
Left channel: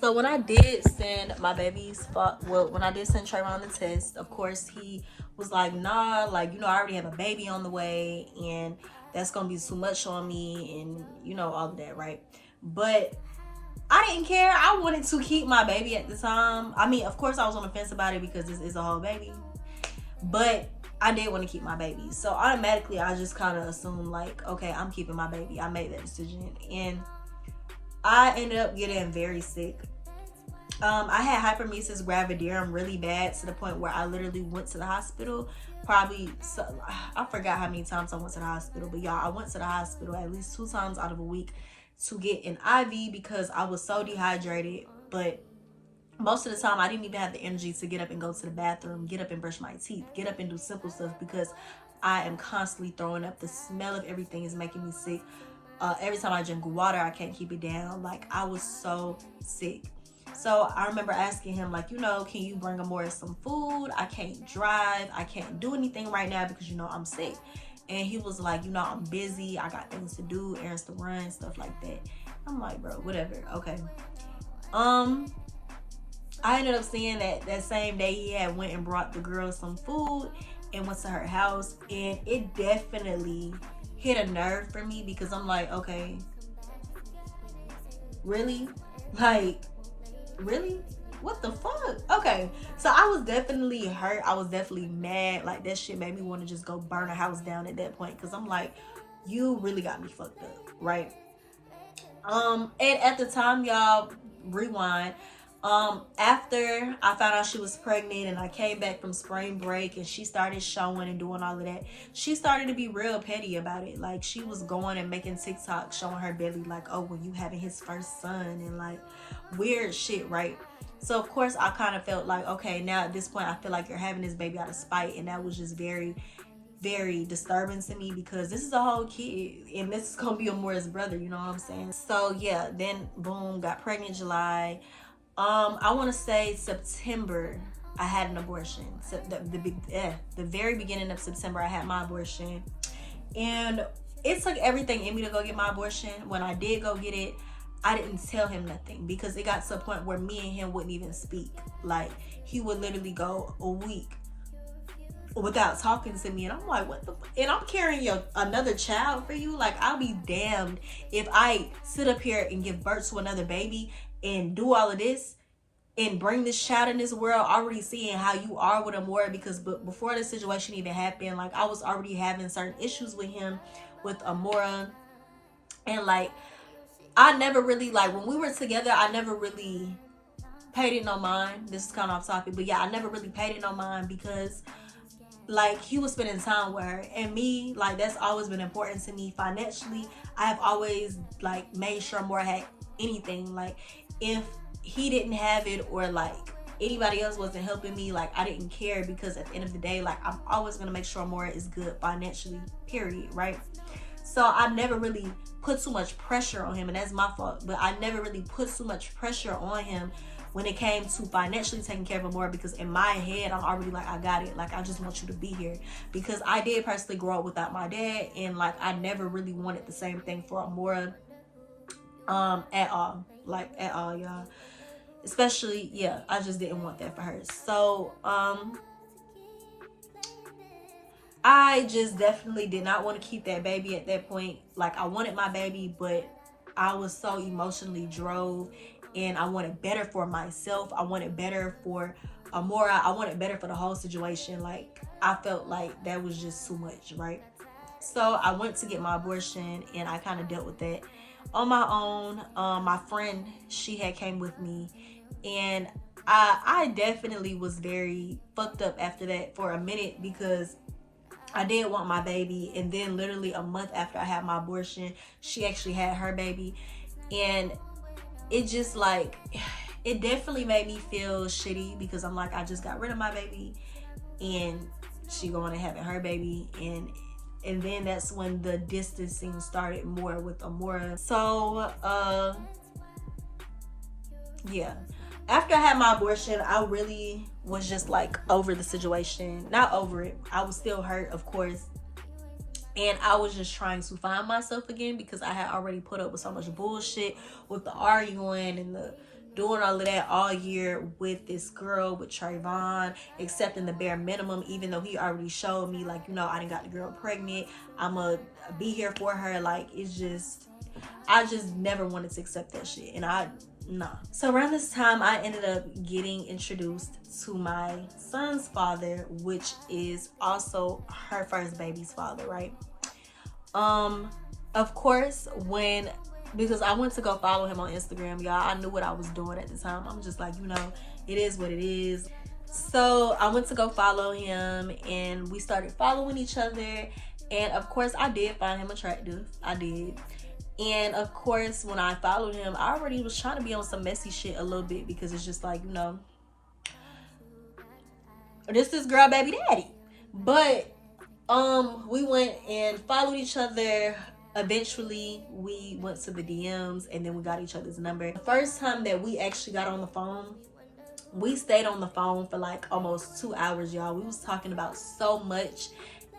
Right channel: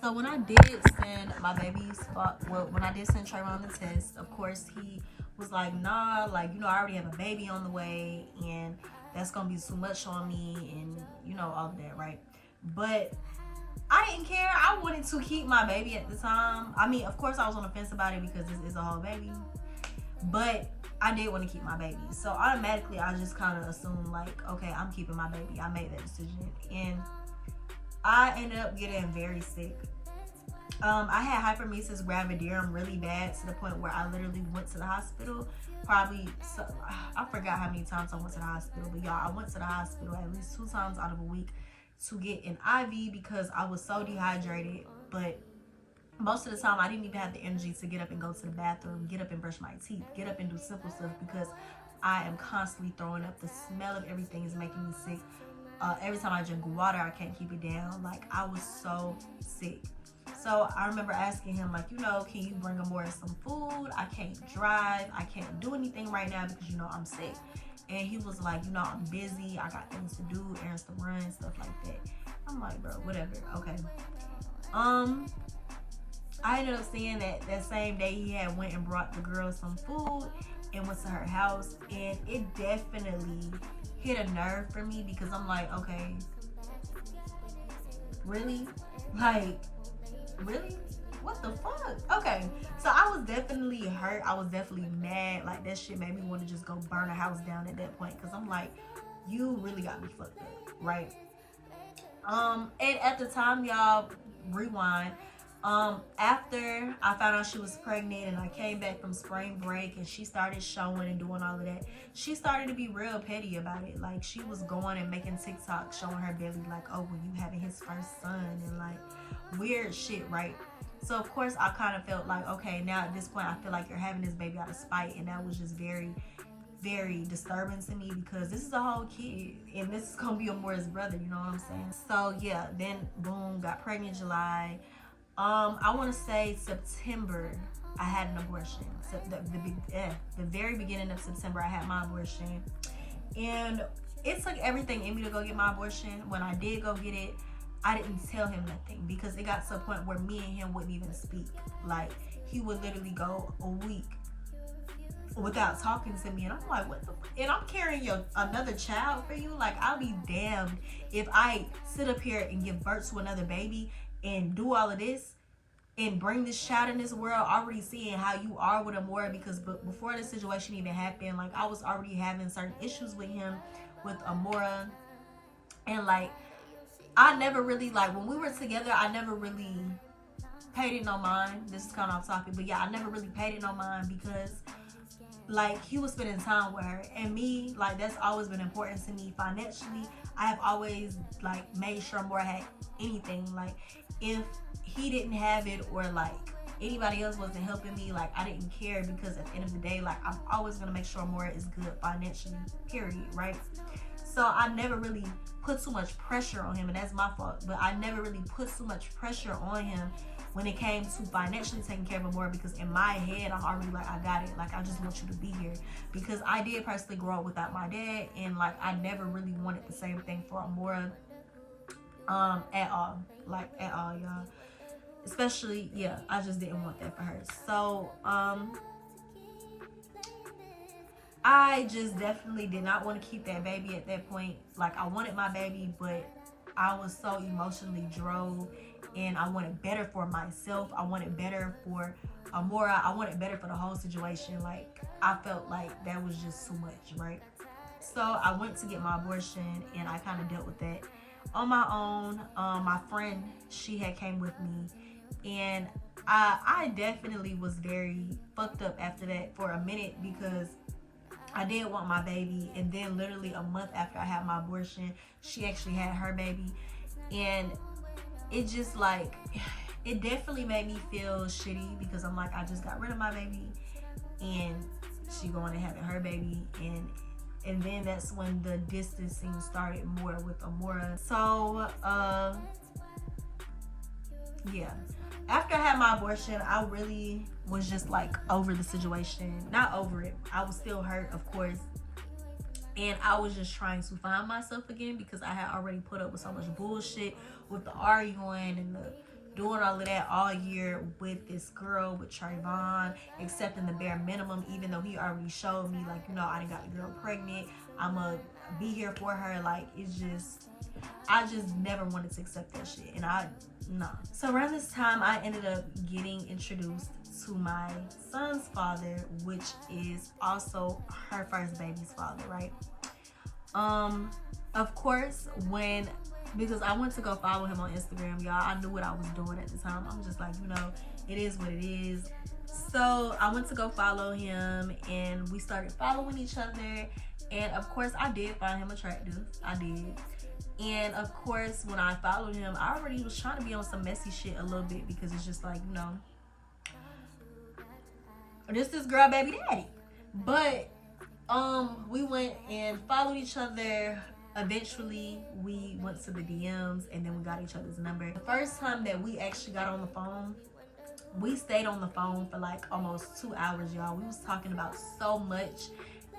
So when I did send my baby's, when I did send Trayvon the test, of course he was like, nah, like, you know, I already have a baby on the way, and that's gonna be too much on me, and you know, all of that, right? But I didn't care. I wanted to keep my baby at the time. I mean, of course I was on the fence about it because this is a whole baby, but I did want to keep my baby. So automatically I just kind of assumed like, okay, I'm keeping my baby. I made that decision, and I ended up getting very sick. I had hyperemesis gravidarum really bad, to the point where I literally went to the hospital. Probably, I forgot how many times I went to the hospital, but y'all, I went to the hospital at least 2 times out of a week to get an IV because I was so dehydrated. But most of the time I didn't even have the energy to get up and go to the bathroom, get up and brush my teeth, get up and do simple stuff, because I am constantly throwing up. The smell of everything is making me sick. Every time I drink water, I can't keep it down. Like, I was so sick. So I remember asking him, like, you know, can you bring Amora some food? I can't drive. I can't do anything right now because, you know, I'm sick. And he was like, you know, I'm busy. I got things to do, errands to run, stuff like that. I'm like, bro, whatever. Okay. I ended up seeing that same day he had went and brought the girl some food and went to her house. And it definitely hit a nerve for me, because I'm like, okay, really? Like, really? What the fuck? Okay, so I was definitely hurt. I was definitely mad. Like, that shit made me want to just go burn a house down at that point, because I'm like, you really got me fucked up, right? And at the time, y'all, rewind, after I found out she was pregnant and I came back from spring break and she started showing and doing all of that, she started to be real petty about it. Like, she was going and making TikTok showing her belly, like, oh, well, you having his first son, and like weird shit, right? So of course I kind of felt like, okay, now at this point I feel like you're having this baby out of spite, and that was just very, very disturbing to me, because this is a whole kid and this is gonna be Amora's brother, you know what I'm saying? So yeah, then boom, got pregnant July. I want to say September I had an abortion. So the very beginning of September I had my abortion, and it took everything in me to go get my abortion. When I did go get it, I didn't tell him nothing, because it got to a point where me and him wouldn't even speak. Like, he would literally go a week without talking to me, and I'm like, what the fuck? And I'm carrying another child for you? Like, I'll be damned if I sit up here and give birth to another baby and do all of this and bring this child in this world, already seeing how you are with Amora, because before this situation even happened, like, I was already having certain issues with him, with Amora. And like, I never really, like, when we were together, I never really paid it no mind. This is kind of off topic, but yeah, I never really paid it no mind, because like, he was spending time with her, and me, like, that's always been important to me. Financially, I have always like made sure Amora had anything. Like, if he didn't have it, or like anybody else wasn't helping me, like, I didn't care, because at the end of the day, like, I'm always gonna make sure Amora is good financially, period, right? So I never really put too much pressure on him, and that's my fault, but I never really put too much pressure on him when it came to financially taking care of Amora, because in my head I'm already like, I got it, like I just want you to be here, because I did personally grow up without my dad, and like I never really wanted the same thing for Amora at all, like at all, y'all. Especially, yeah, I just didn't want that for her. So I just definitely did not want to keep that baby at that point. Like, I wanted my baby, but I was so emotionally drove, and I wanted better for myself. I wanted better for Amora. I wanted better for the whole situation. Like, I felt like that was just too much, right? So I went to get my abortion, and I kind of dealt with that on my own. My friend, she had came with me, and I definitely was very fucked up after that for a minute, because I did want my baby, and then literally a month after I had my abortion, she actually had her baby, and it just like, it definitely made me feel shitty, because I'm like, I just got rid of my baby, and she going to having her baby, and then that's when the distancing started more with Amora. So yeah, after I had my abortion, I really was just like over the situation. Not over it, I was still hurt, of course, and I was just trying to find myself again, because I had already put up with so much bullshit with the arguing and the doing all of that all year with this girl, with Trayvon, accepting the bare minimum, even though he already showed me, like, you know, I didn't got the girl pregnant, I'ma be here for her. Like, it's just, I just never wanted to accept that shit, and nah. So around this time, I ended up getting introduced to my son's father, which is also her first baby's father, right? Of course, because I went to go follow him on Instagram, y'all, I knew what I was doing at the time. I'm just like, you know, it is what it is. So I went to go follow him, and we started following each other, and of course I did find him attractive. I did. And of course, when I followed him, I already was trying to be on some messy shit a little bit, because it's just like, you know, this is girl baby daddy. But we went and followed each other. Eventually we went to the DMs, and then we got each other's number. The first time that we actually got on the phone, we stayed on the phone for like almost 2 hours, y'all. We was talking about so much.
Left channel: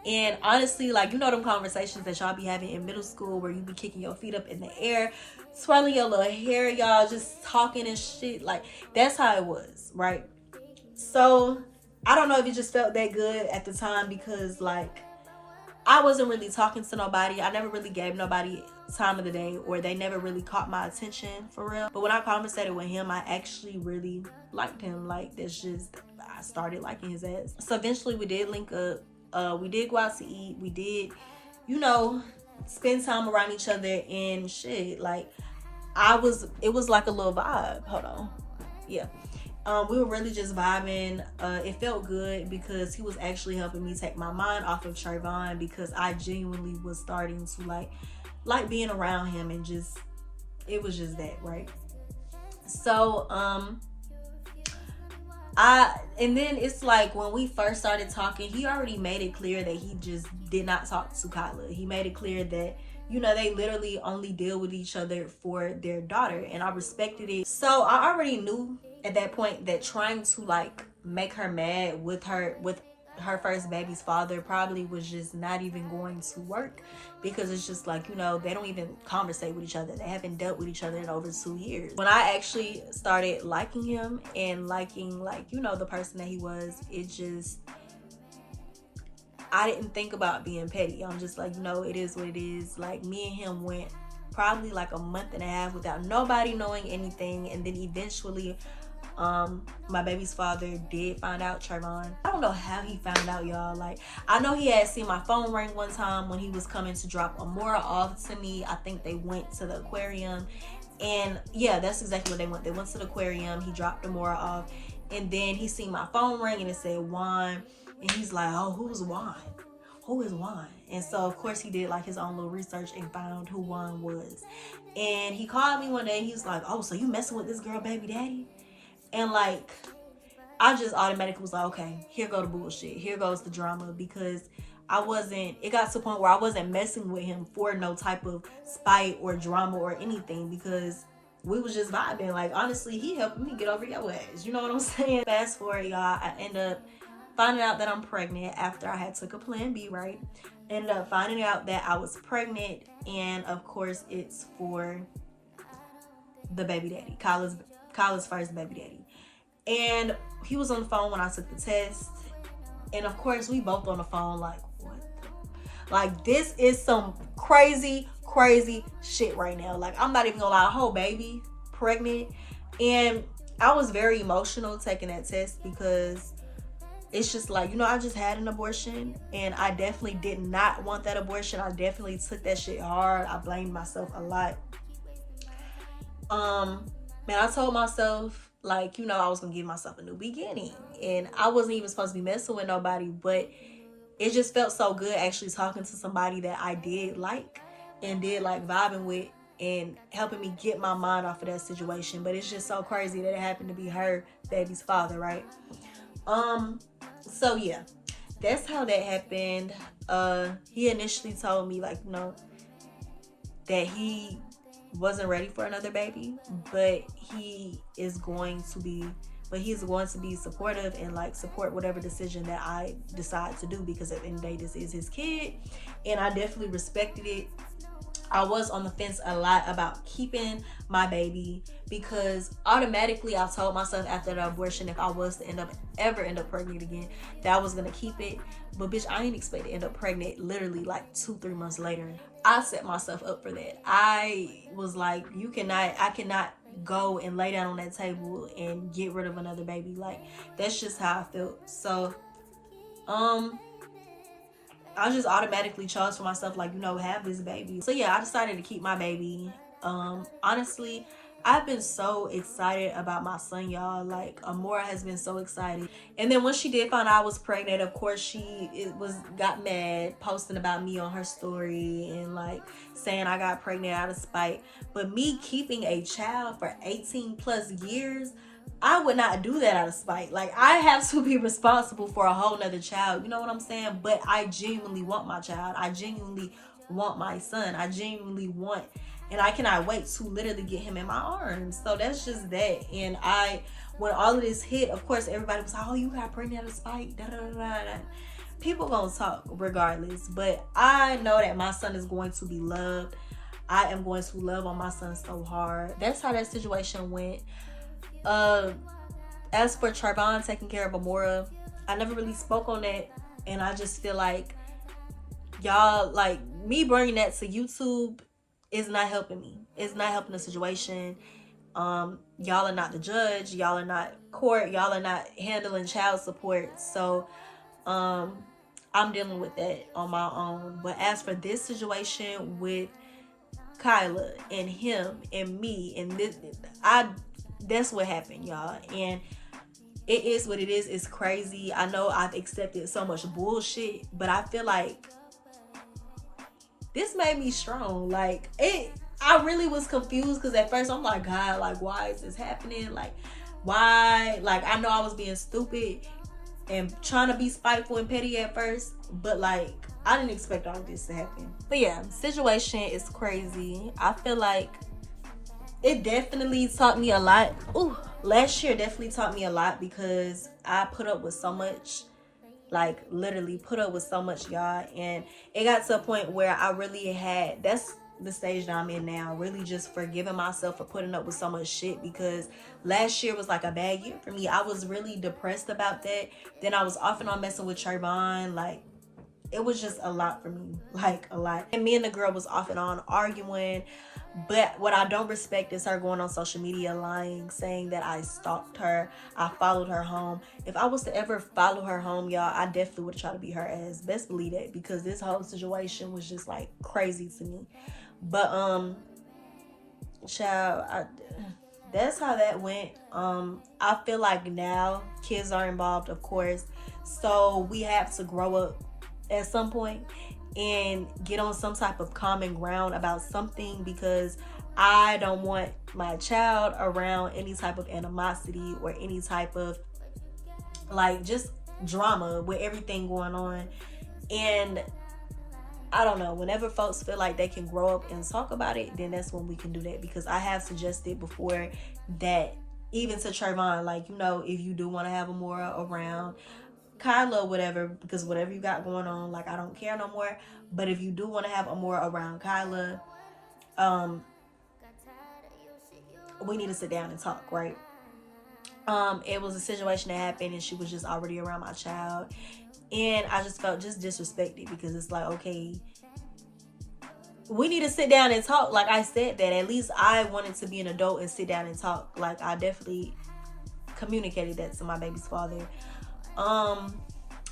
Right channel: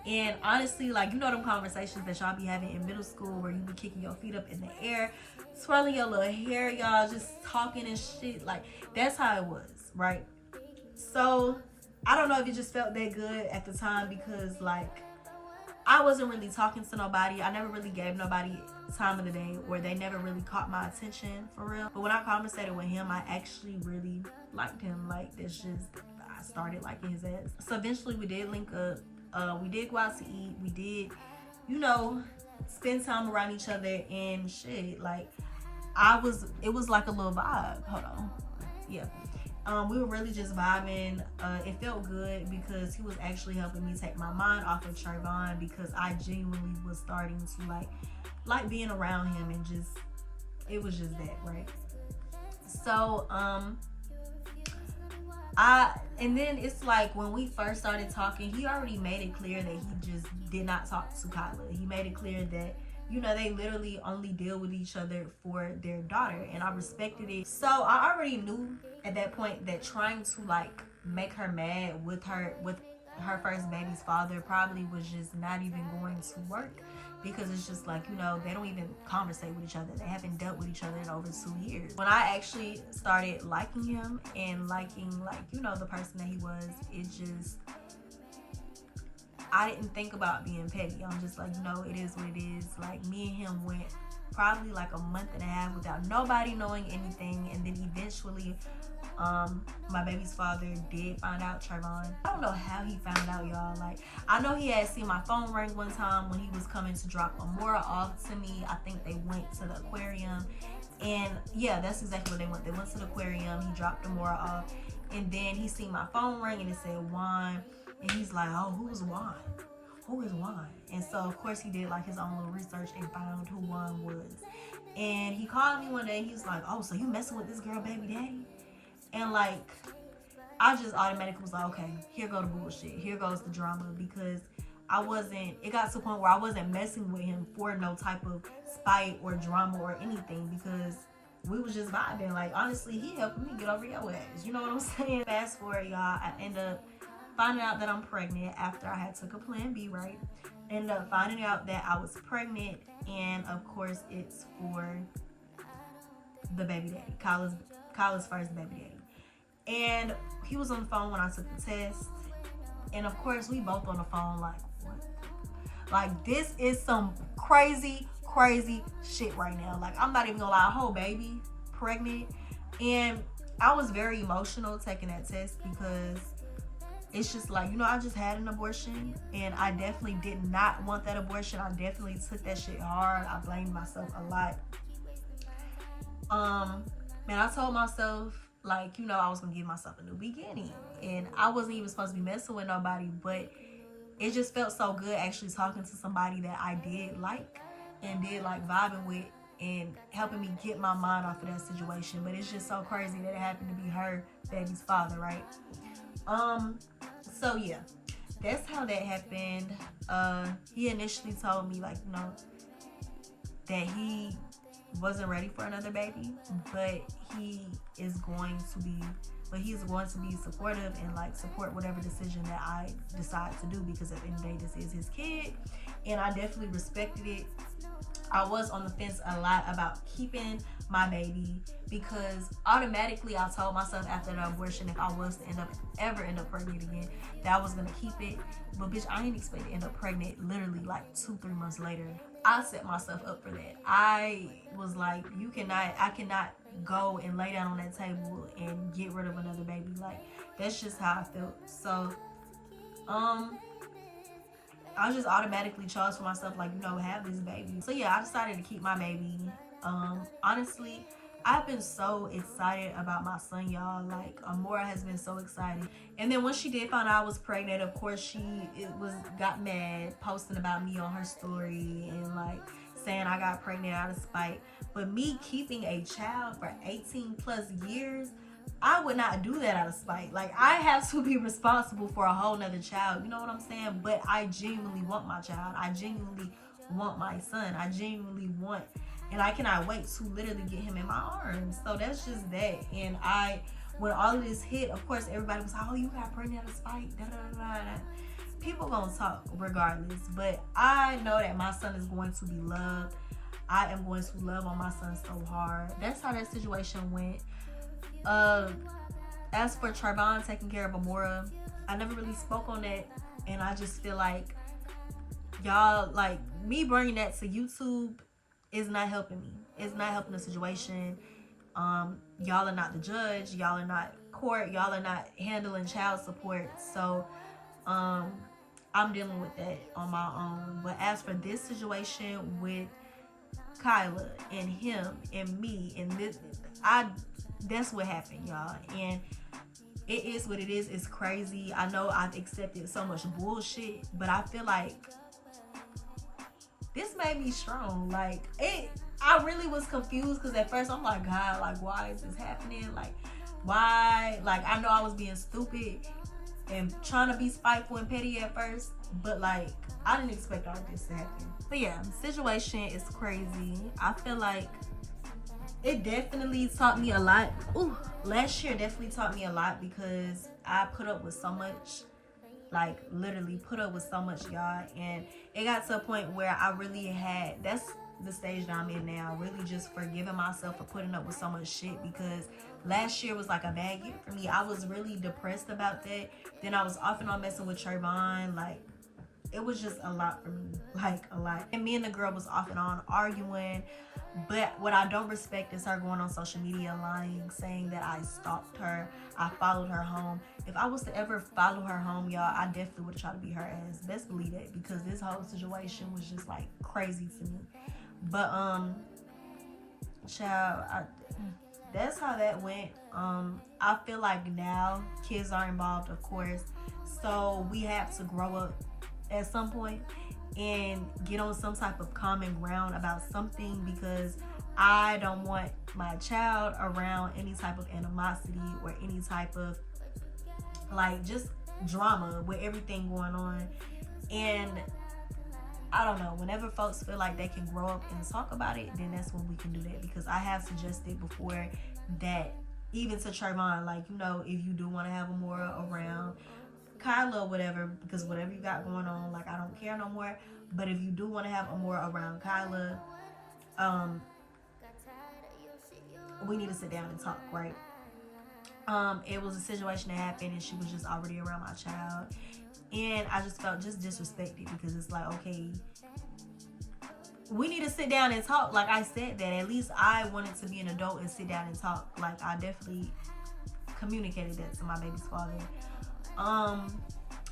And honestly, like, you know them conversations that y'all be having in middle school, where you be kicking your feet up in the air, swirling your little hair, y'all, just talking and shit. Like, that's how it was, right? So I don't know if it just felt that good at the time, because like, I wasn't really talking to nobody. I never really gave nobody time of the day, or they never really caught my attention for real. But when I conversated with him, I actually really liked him. Like, that's just, I started liking his ass. So eventually we did link up. We did go out to eat. We did, you know, spend time around each other and shit. Like, it was like a little vibe. Hold on. Yeah. We were really just vibing. It felt good, because he was actually helping me take my mind off of Trayvon, because I genuinely was starting to like being around him, and just, it was just that, right? So and then it's like, when we first started talking, he already made it clear that he just did not talk to Kyla. He made it clear that, you know, they literally only deal with each other for their daughter, and I respected it. So I already knew at that point that trying to like make her mad with her first baby's father probably was just not even going to work, because it's just like, you know, they don't even conversate with each other. They haven't dealt with each other in over 2 years. When I actually started liking him and liking, like, you know, the person that he was, it just, I didn't think about being petty. I'm just like, you know, it is what it is. Like, me and him went probably like a month and a half without nobody knowing anything, and then eventually my baby's father did find out Trayvon. I don't know how he found out, y'all. Like, I know he had seen my phone ring one time when he was coming to drop Amora off to me. I think they went to the aquarium, and yeah, that's exactly what they went. They went to the aquarium. He dropped Amora off, and then he seen my phone ring, and it said Juan, and he's like, oh, who's Juan? Who is Juan? And so of course he did like his own little research and found who Juan was. And he called me one day, and he was like, oh, so you messing with this girl baby daddy? And like, I just automatically was like, okay, here go the bullshit, here goes the drama, because it got to the point where I wasn't messing with him for no type of spite or drama or anything, because we was just vibing. Like, honestly, he helped me get over your ass. You know what I'm saying? Fast forward, y'all, I end up finding out that I'm pregnant after I had took a plan B, right? Ended up finding out that I was pregnant, and of course it's for the baby daddy, Kyla's first baby daddy. And he was on the phone when I took the test, and of course we both on the phone like, what? Like, this is some crazy shit right now. Like, I'm not even gonna lie, a whole baby pregnant. And I was very emotional taking that test because it's just like, you know, I just had an abortion and I definitely did not want that abortion. I definitely took that shit hard. I blamed myself a lot. Man, I told myself, like, you know, I was gonna give myself a new beginning, and I wasn't even supposed to be messing with nobody, but it just felt so good actually talking to somebody that I did like and did like vibing with and helping me get my mind off of that situation. But it's just so crazy that it happened to be her baby's father, right? So yeah, that's how that happened. He initially told me, like, you know, that he wasn't ready for another baby, but he's going to be supportive and like support whatever decision that I decide to do, because at the end of the day, this is his kid, and I definitely respected it. I was on the fence a lot about keeping my baby, because automatically I told myself after the abortion, if I was to ever end up pregnant again, that I was gonna keep it. But bitch, I ain't expect to end up pregnant literally like 2-3 months later. I set myself up for that. I was like, I cannot go and lay down on that table and get rid of another baby. Like, that's just how I felt. So I just automatically chose for myself, like, you know, have this baby. So yeah, I decided to keep my baby. Honestly, I've been so excited about my son, y'all. Like, Amora has been so excited. And then when she did find out I was pregnant, of course she got mad, posting about me on her story and like saying I got pregnant out of spite. But me keeping a child for 18 plus years, I would not do that out of spite. Like, I have to be responsible for a whole nother child. You know what I'm saying? But I genuinely want my child. I genuinely want my son. I genuinely want, and I cannot wait to literally get him in my arms. So that's just that. And when all of this hit, of course, everybody was like, oh, you got pregnant out of spite. Da, da, da, da. People gonna talk regardless. But I know that my son is going to be loved. I am going to love on my son so hard. That's how that situation went. As for Trayvon taking care of Amora, I never really spoke on that, and I just feel like y'all, like, me bringing that to YouTube is not helping me. It's not helping the situation. Y'all are not the judge. Y'all are not court. Y'all are not handling child support. So I'm dealing with that on my own. But as for this situation with Kyla and him and me and this, that's what happened, y'all. And it is what it is. It's crazy. I know I've accepted so much bullshit, but I feel like this made me strong. Like, I really was confused, because at first I'm like, God, like, why is this happening? Like, why? Like, I know I was being stupid and trying to be spiteful and petty at first, but like, I didn't expect all of this to happen. But yeah, situation is crazy. I feel like it definitely taught me a lot. Last year definitely taught me a lot, because I put up with so much, like literally put up with so much, y'all. And it got to a point where I really had, that's the stage that I'm in now, really just forgiving myself for putting up with so much shit, because last year was like a bad year for me. I was really depressed about that. Then I was off and on messing with Trayvon. Like, it was just a lot for me, like a lot. And me and the girl was off and on arguing. But what I don't respect is her going on social media lying, saying that I stalked her, I followed her home. If I was to ever follow her home, y'all, I definitely would try to be her ass. Best believe that, because this whole situation was just like crazy to me. But child, that's how that went. I feel like now kids are involved, of course, so we have to grow up at some point and get on some type of common ground about something, because I don't want my child around any type of animosity or any type of like just drama with everything going on. And I don't know, whenever folks feel like they can grow up and talk about it, then that's when we can do that. Because I have suggested before that, even to Trayvon, like, you know, if you do want to have Amora around Kyla or whatever, because whatever you got going on, like, I don't care no more. But if you do want to have Amora around Kyla, we need to sit down and talk, right? It was a situation that happened and she was just already around my child, and I just felt just disrespected, because it's like, okay, we need to sit down and talk. Like I said, that at least I wanted to be an adult and sit down and talk. Like, I definitely communicated that to my baby's father.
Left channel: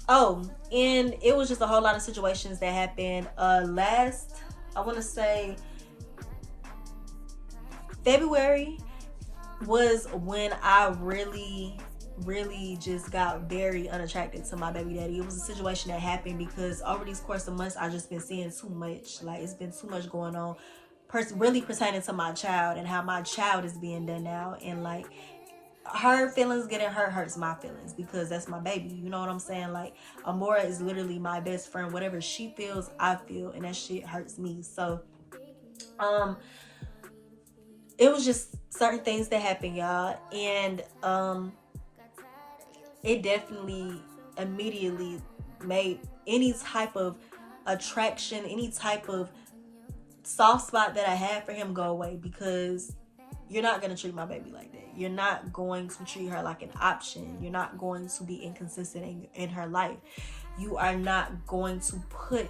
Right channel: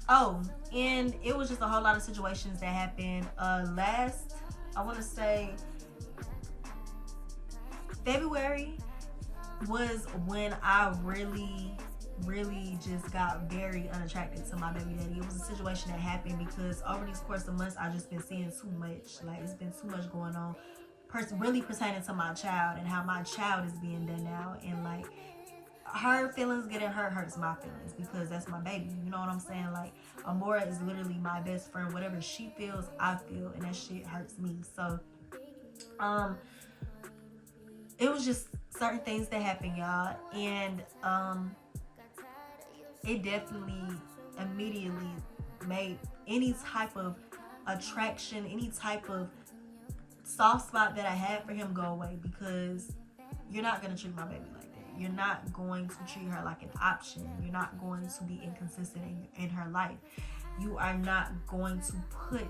Oh, and it was just a whole lot of situations that happened last, I want to say, February was when I really just got very unattracted to my baby daddy. It was a situation that happened because over these course of months, I just been seeing too much. Like, it's been too much going on, really pertaining to my child and how my child is being done now. And like, her feelings getting hurt hurts my feelings, because that's my baby. You know what I'm saying? Like, Amora is literally my best friend. Whatever she feels, I feel, and that shit hurts me. So, it was just certain things that happened, y'all, and it definitely immediately made any type of attraction, any type of soft spot that I had for him go away, because you're not going to treat my baby like that. You're not going to treat her like an option. You're not going to be inconsistent in her life. You are not going to put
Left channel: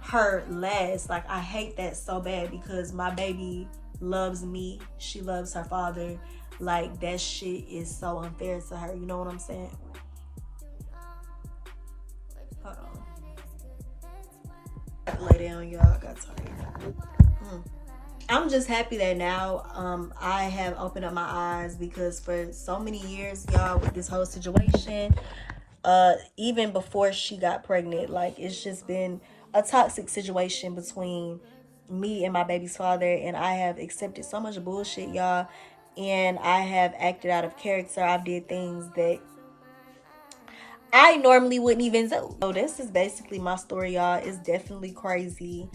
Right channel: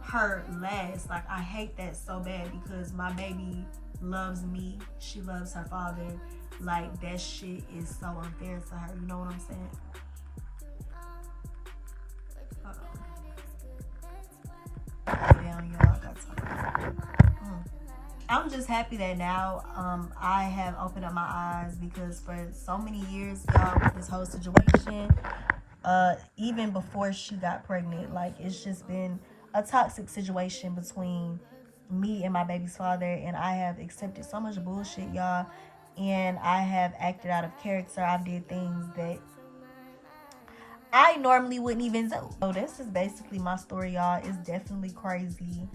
her last. Like, I hate that so bad, because my baby loves me. She loves her father. Like, that shit is so unfair to her. You know what I'm saying? Lay down, y'all. I got time. I'm just happy that now I have opened up my eyes, because for so many years, y'all, with this whole situation, even before she got pregnant, like, it's just been a toxic situation between me and my baby's father, and I have accepted so much bullshit, y'all, and I have acted out of character. I've did things that I normally wouldn't even do. So this is basically my story, y'all. It's definitely crazy.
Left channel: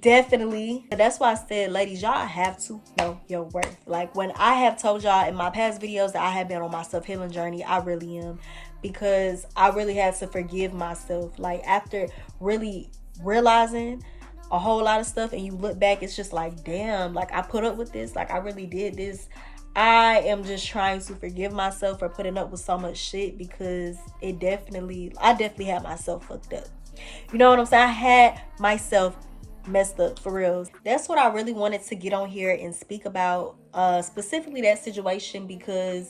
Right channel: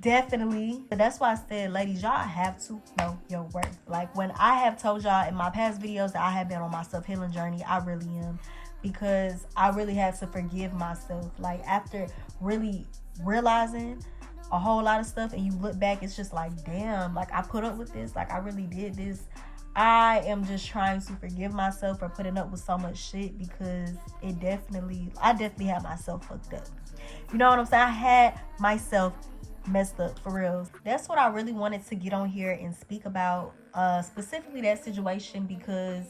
Definitely. That's why I said, ladies, y'all have to know your worth. Like, when I have told y'all in my past videos that I have been on my self-healing journey, I really am, because I really had to forgive myself. Like, after really realizing a whole lot of stuff, and you look back, it's just like, damn, like, I put up with this, like, I really did this. I am just trying to forgive myself for putting up with so much shit, because I definitely had myself fucked up. You know what I'm saying? I had myself messed up, for real. That's what I really wanted to get on here and speak about, specifically that situation, because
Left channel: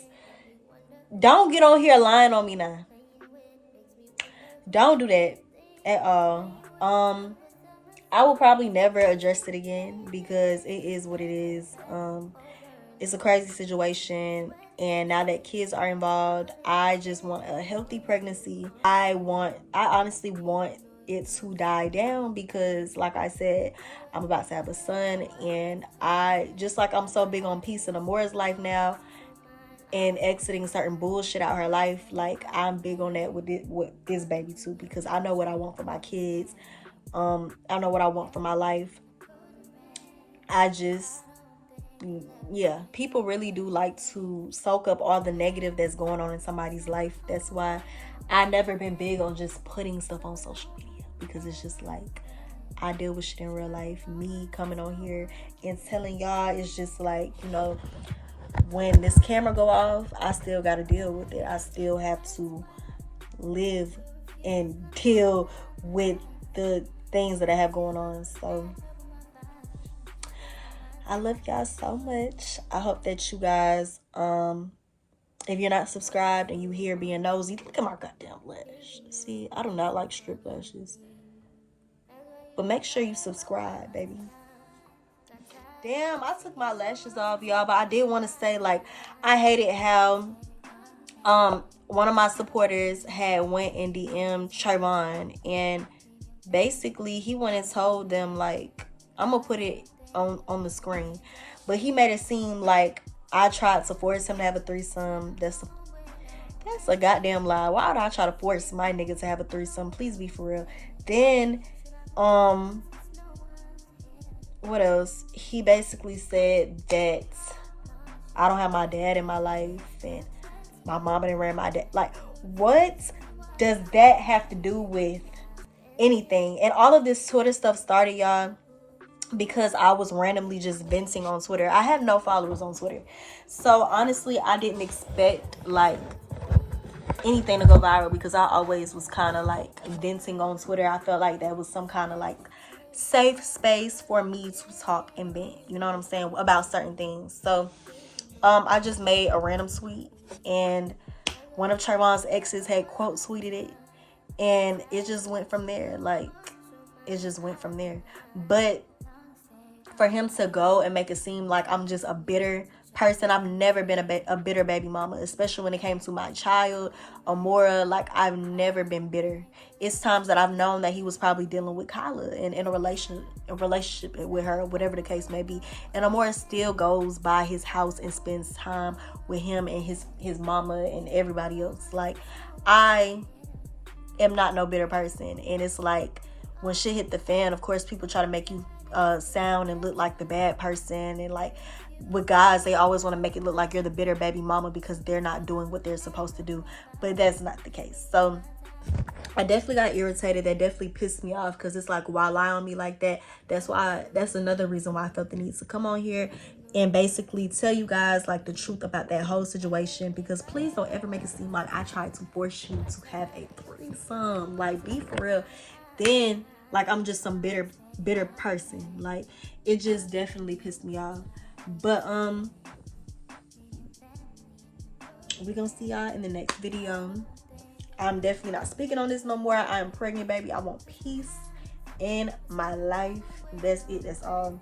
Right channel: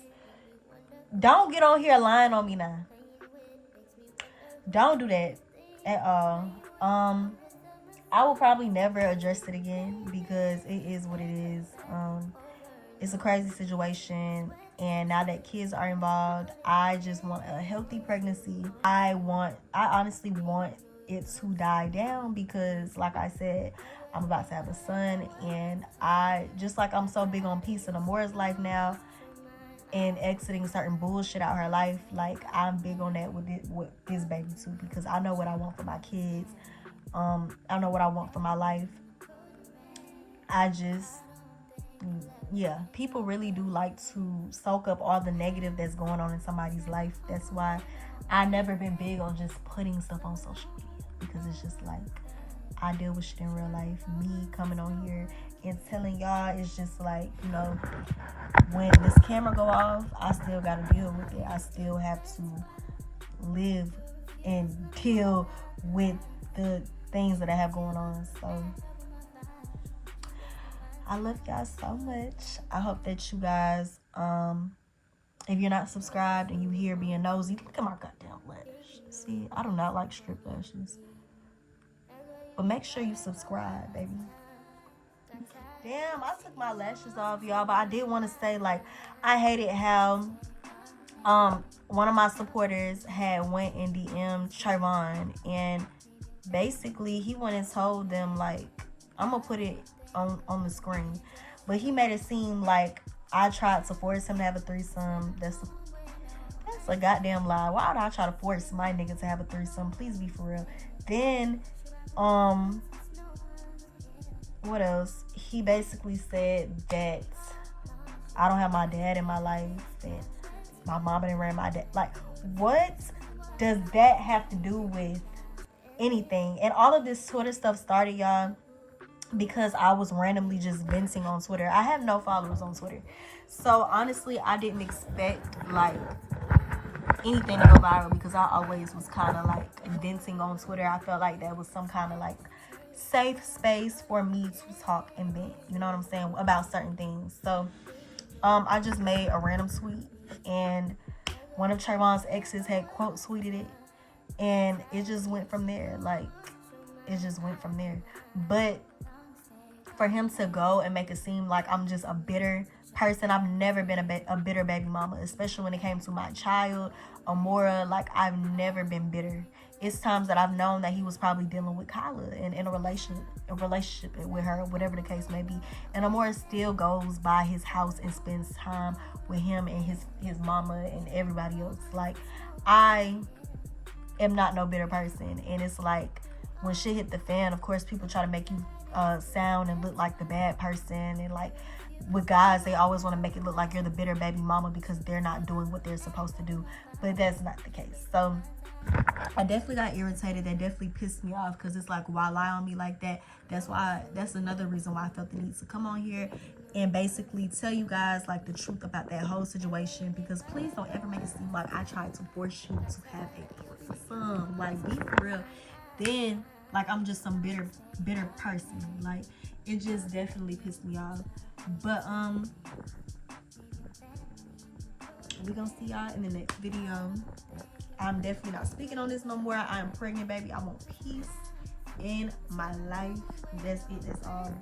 don't get on here lying on me now. Don't do that at all. I will probably never address it again, because it is what it is. It's a crazy situation, and now that kids are involved, I just want a healthy pregnancy. I honestly want it to die down, because like I said, I'm about to have a son, and I'm so big on peace in Amora's life now, and exiting certain bullshit out of her life. Like, I'm big on that with this baby too, because I know what I want for my kids. I know what I want for my life. People really do like to soak up all the negative that's going on in somebody's life. That's why I never been big on just putting stuff on social media, because it's just like, I deal with shit in real life. Me coming on here and telling y'all, it's just like, you know, when this camera go off, I still got to deal with it. I still have to live and deal with the things that I have going on. So I love y'all so much. I hope that you guys, if you're not subscribed and you here being nosy, look at my goddamn lash. See, I do not like strip lashes. But make sure you subscribe, baby. Damn, I took my lashes off, y'all. But I did want to say, like, I hated how one of my supporters had went and DM'd Trayvon, and basically he went and told them, like, I'm gonna put it on the screen, but he made it seem like I tried to force him to have a threesome. That's a goddamn lie. Why would I try to force my nigga to have a threesome? Please be for real. Then What else? He basically said that I don't have my dad in my life and my mom didn't raise my dad. Like, what does that have to do with anything? And all of this Twitter stuff started, y'all, because I was randomly just venting on Twitter. I have no followers on Twitter. So honestly, I didn't expect like anything to go viral because I always was kind of like venting on Twitter. I felt like that was some kind of like safe space for me to talk and vent, you know what I'm saying, about certain things. So I just made a random tweet and one of Trayvon's exes had quote tweeted it and it just went from there. Like, it just went from there. But for him to go and make it seem like I'm just a bitter person, I've never been a bitter baby mama, especially when it came to my child, Amora. Like, I've never been bitter. It's times that I've known that he was probably dealing with Kyla and in a relationship with her, whatever the case may be. And Amora still goes by his house and spends time with him and his mama and everybody else. Like, I am not no bitter person. And it's like, when shit hit the fan, of course, people try to make you sound and look like the bad person. And like, with guys, they always want to make it look like you're the bitter baby mama because they're not doing what they're supposed to do. But that's not the case. So I definitely got irritated. That definitely pissed me off because it's like, why lie on me like that? That's another reason why I felt the need to come on here and basically tell you guys like the truth about that whole situation, because please don't ever make it seem like I tried to force you to have a threesome. Like, be for real. Then like I'm just some bitter person. Like, it just definitely pissed me off. But we're gonna see y'all in the next video. I'm definitely not speaking on this no more. I am pregnant, baby. I want peace in my life. That's it. That's all.